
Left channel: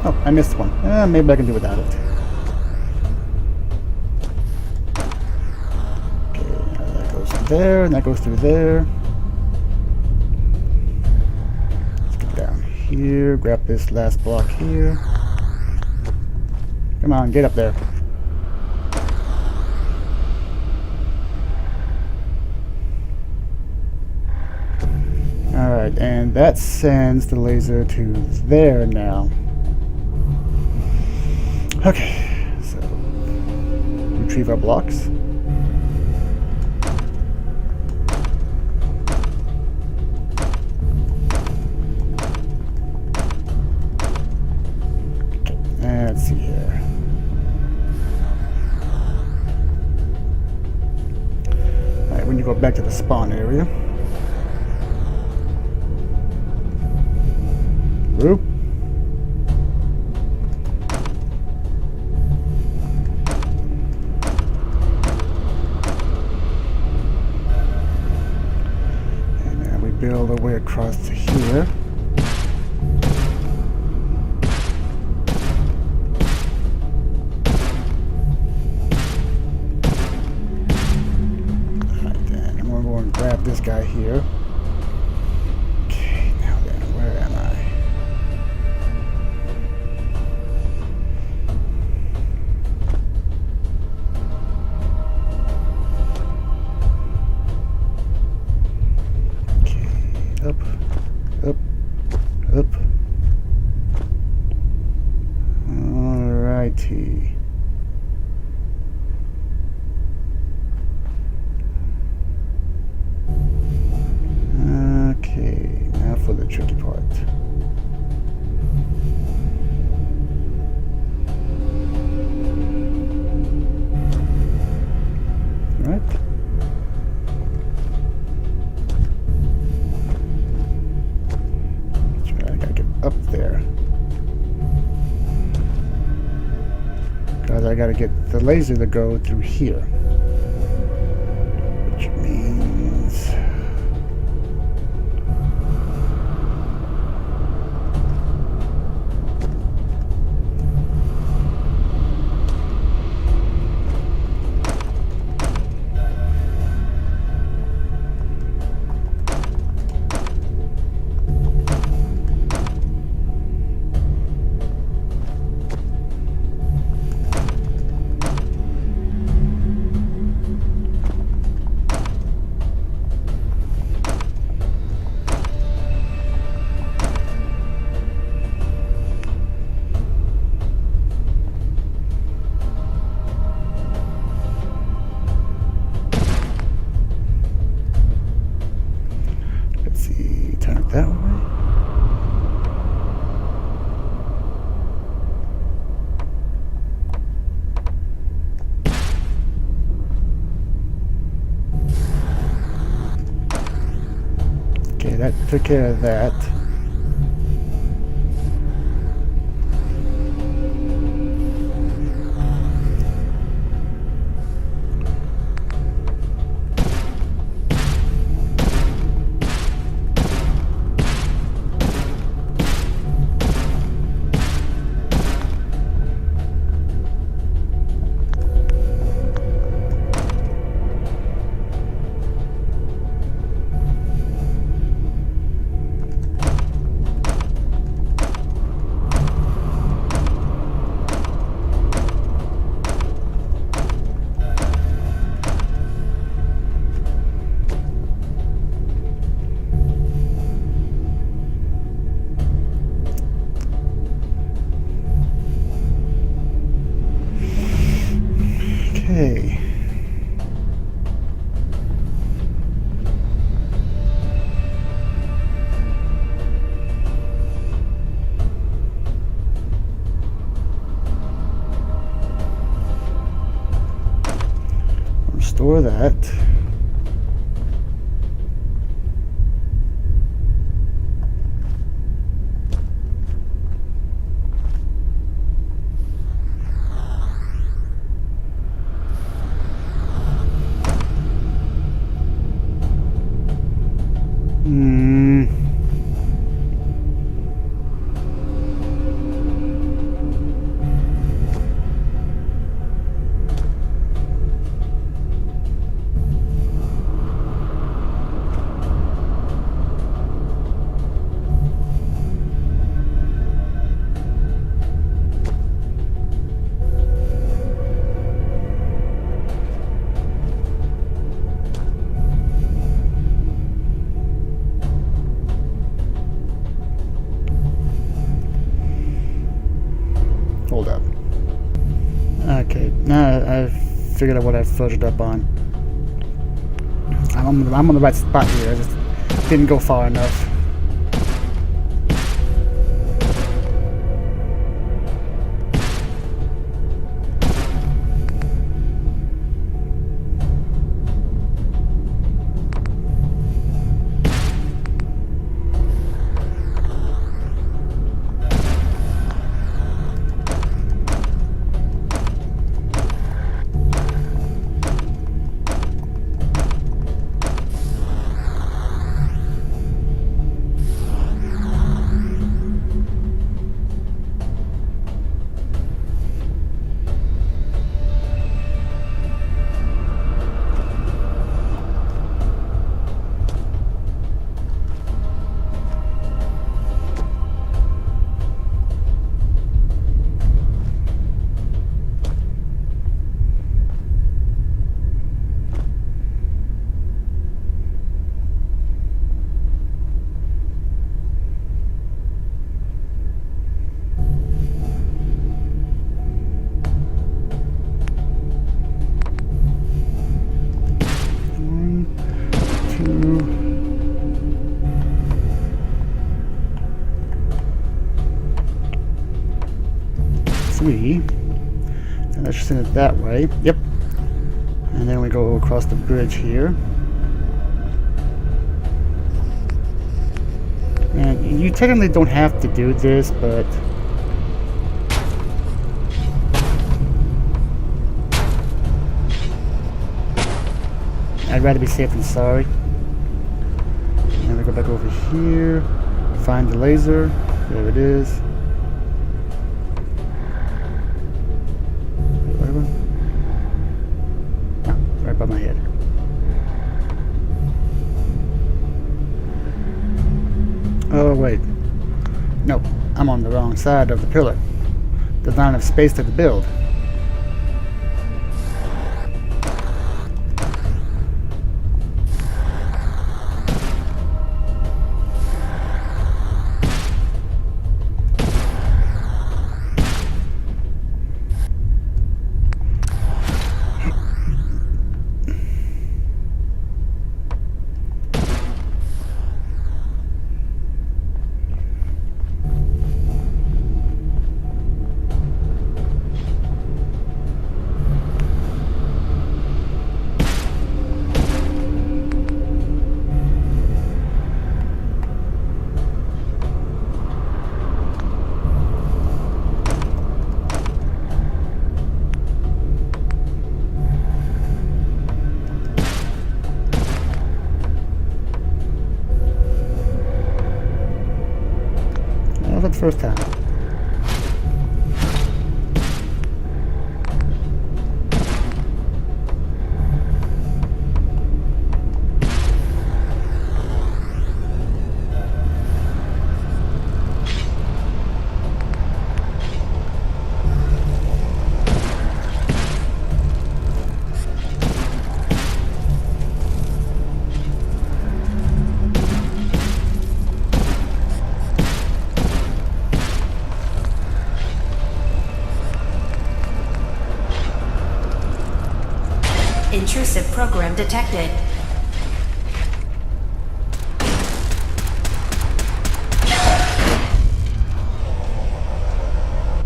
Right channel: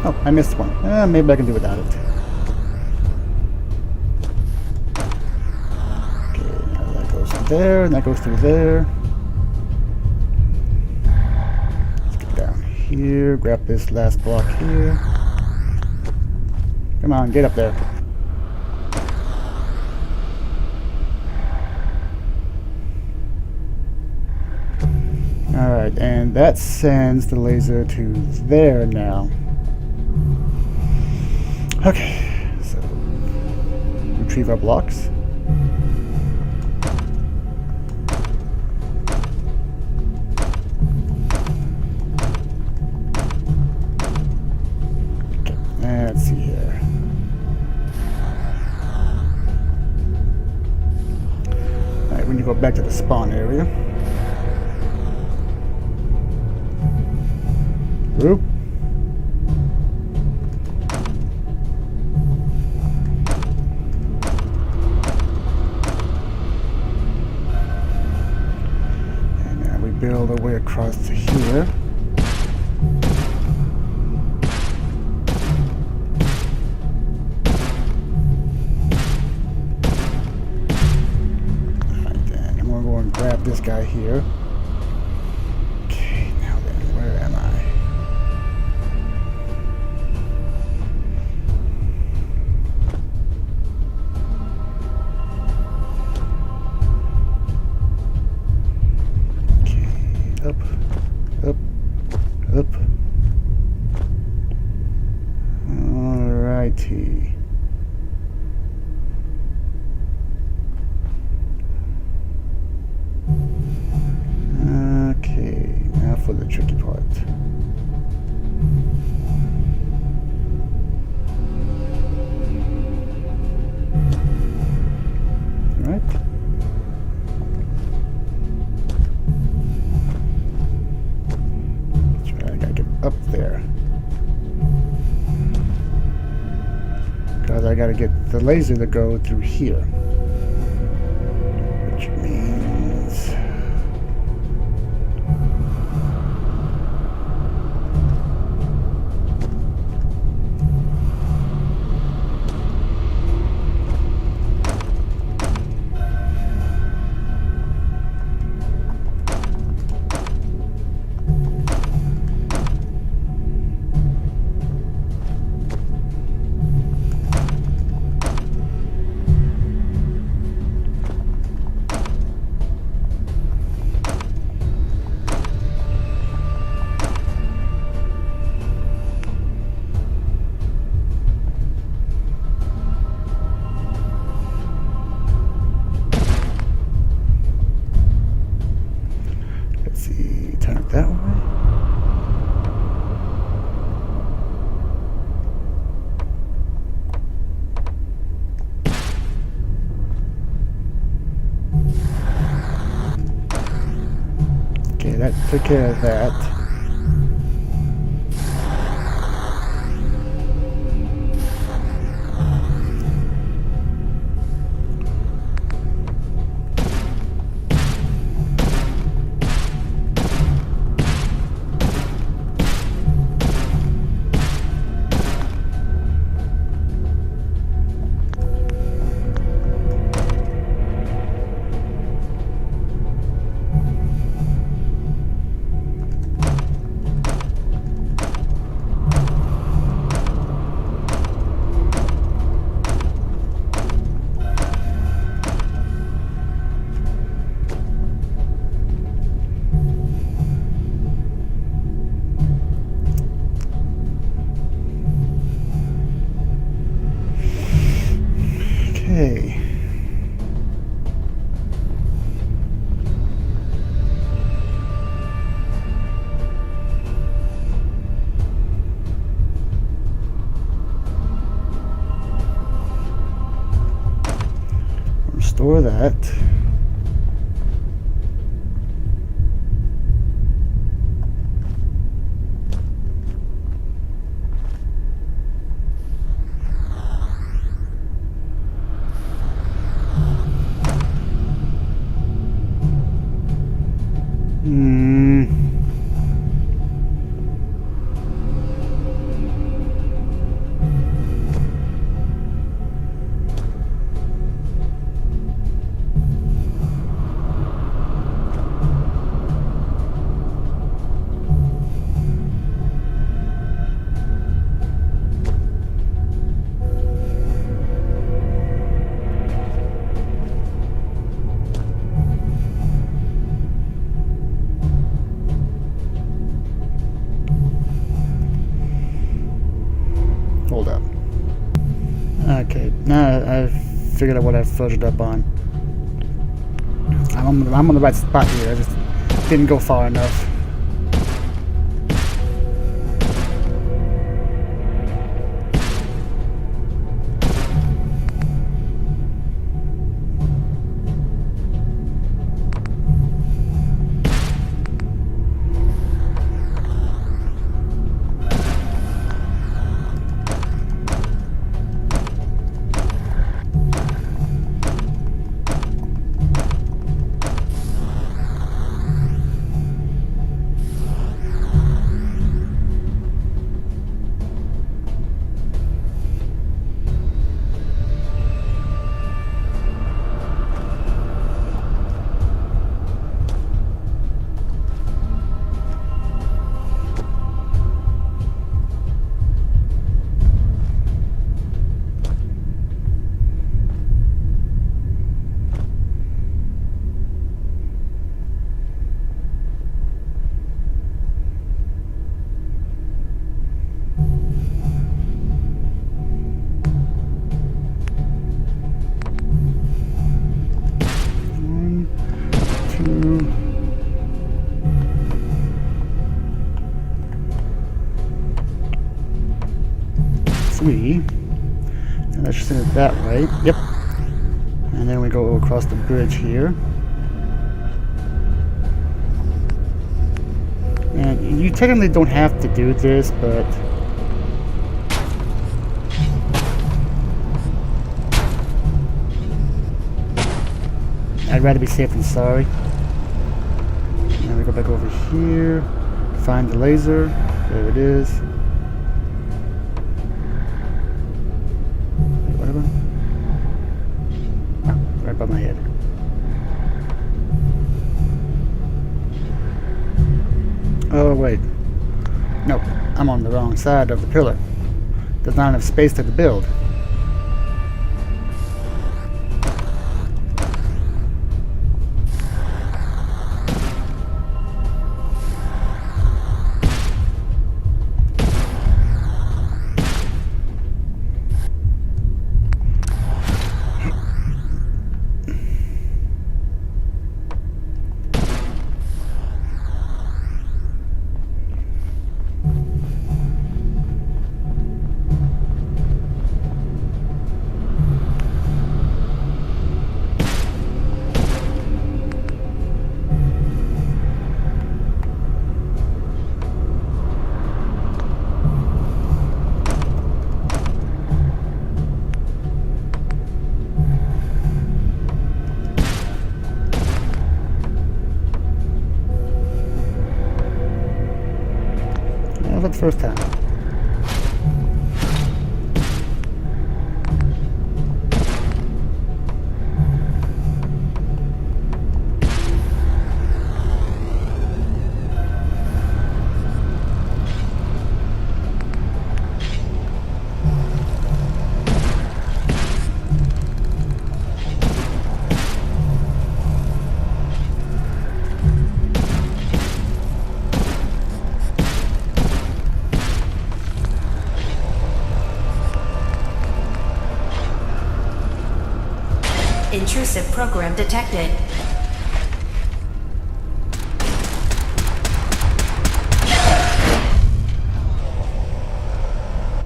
Oh, I missed one. Maybe I can do without it. Okay, now that goes through there, and that goes through there. Let's get down here, grab this last block here. Come on, get up there. Alright, and that sends the laser to there now. Okay, so retrieve our blocks. Okay, let's see here. Alright, we need to go back to the spawn area. Whoop. Build our way across to here. Alright then, I'm gonna go and grab this guy here. Okay, now then, where am I? Up, up, up. Alrighty. Okay, now for the tricky part. Right? Up there, because I gotta get the laser to go through here, which means that took care of that. Okay. Restore that. Hold up. Okay, now I've figured out what I fudged up on. I'm on the right spot here. I just didn't go far enough. Three, and I should send it that way. Yep. And then we go across the bridge here. And you technically don't have to do this, but I'd rather be safe than sorry. And we go back over here, find the laser. There it is. Right by my head. Oh wait, no, I'm on the wrong side of the pillar. There's not enough space to build. was that the first time? Intrusive program detected.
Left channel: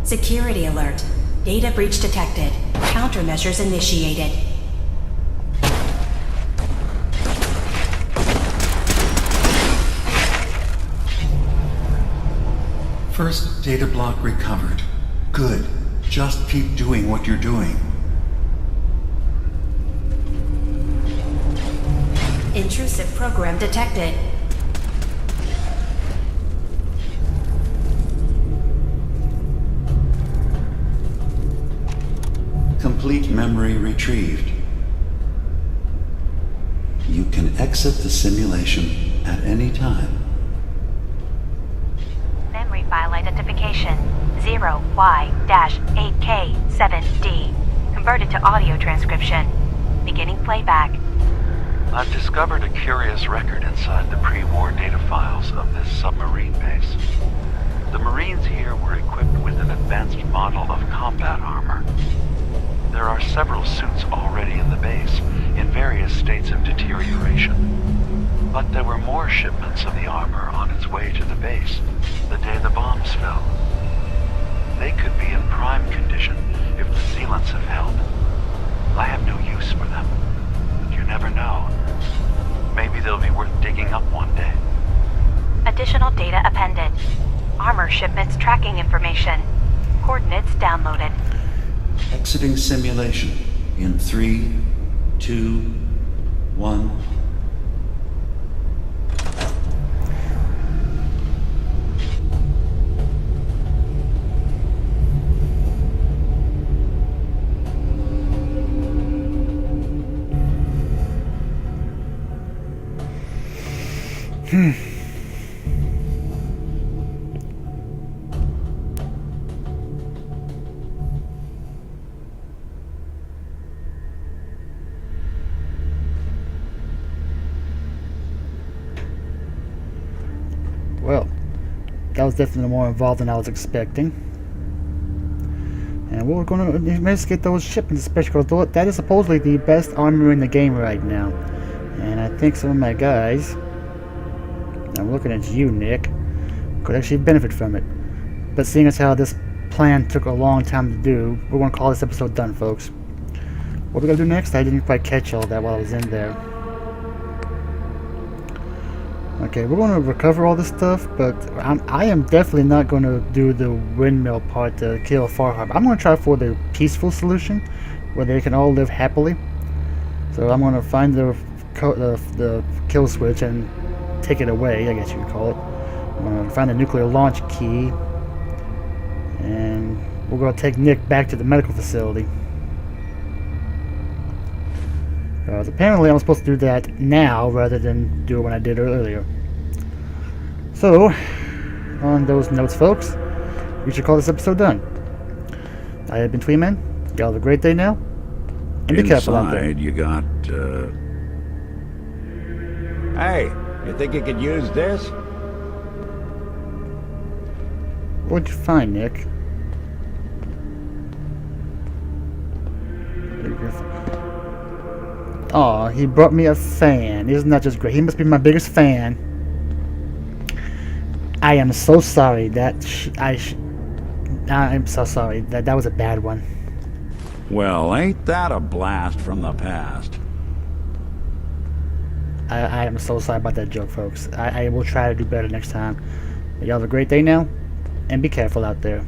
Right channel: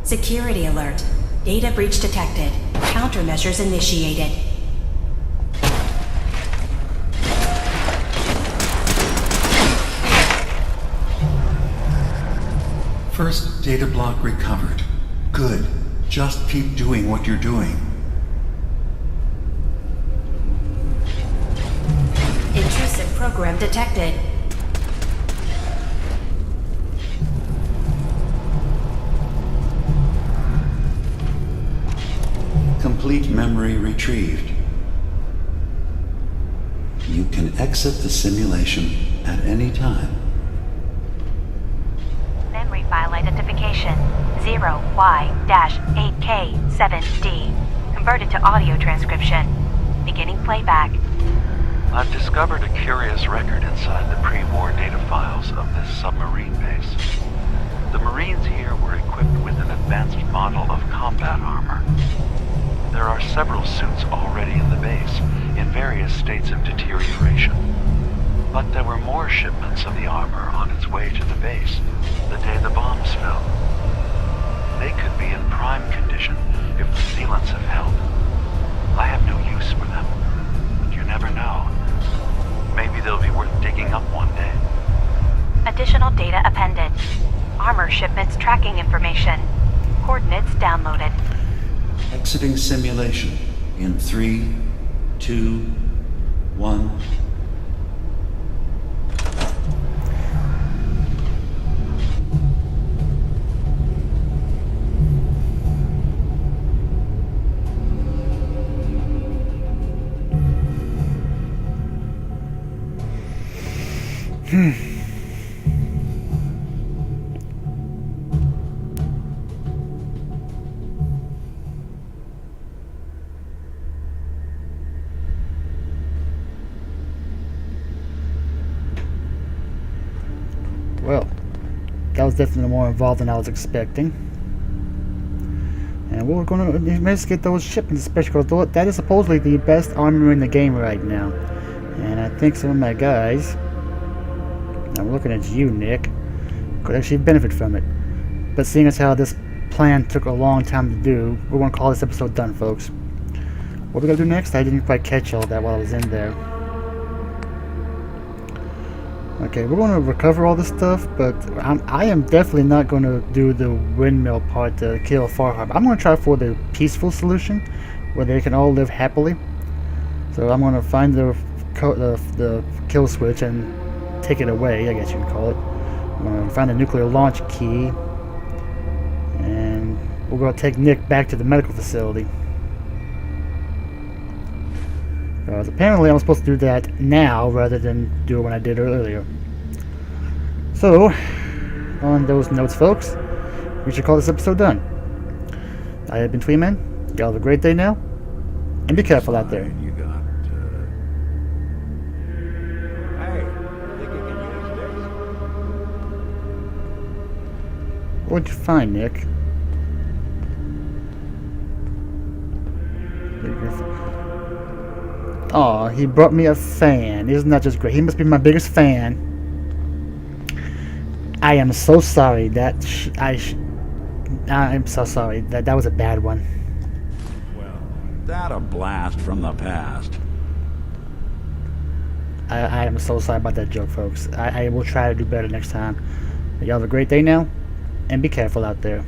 Security alert. Data breach detected. Countermeasures initiated. First data block recovered. Good. Just keep doing what you're doing. Intrusive program detected. Complete memory retrieved. You can exit the simulation at any time. Memory file identification 0Y-8K7D. Converted to audio transcription. Beginning playback. I've discovered a curious record inside the pre-war data files of this submarine base. The Marines here were equipped with an advanced model of combat armor. There are several suits already in the base, in various states of deterioration. But there were more shipments of the armor on its way to the base the day the bombs fell. They could be in prime condition if the sealants have held. I have no use for them, but you never know. Maybe they'll be worth digging up one day. Additional data appended. Armor shipments tracking information. Coordinates downloaded. Exiting simulation in 3, 2, 1. Well, that was definitely more involved than I was expecting. And we're going to investigate those shipments, especially because that is supposedly the best armor in the game right now. And I think some of my guys, I'm looking at you, Nick, could actually benefit from it. But seeing as how this plan took a long time to do, we're going to call this episode done, folks. What we're going to do next, I didn't quite catch all that while I was in there. Okay, we're going to recover all this stuff, but I am definitely not going to do the windmill part to kill Far Harbor. I'm going to try for the peaceful solution, where they can all live happily. So I'm going to find the kill switch and take it away, I guess you can call it. I'm going to find the nuclear launch key, and we're going to take Nick back to the medical facility. Because apparently I'm supposed to do that now rather than do it when I did it earlier. So, on those notes, folks, we should call this episode done. I have been Twi-Man. Y'all have a great day now, and be careful out there. Inside, you got, Hey, you think you could use this? What'd you find, Nick? Aw, he brought me a fan. Isn't that just great? He must be my biggest fan. I am so sorry. I'm so sorry. That was a bad one. well, ain't that a blast from the past? I am so sorry about that joke, folks. I will try to do better next time. Y'all have a great day now, and be careful out there.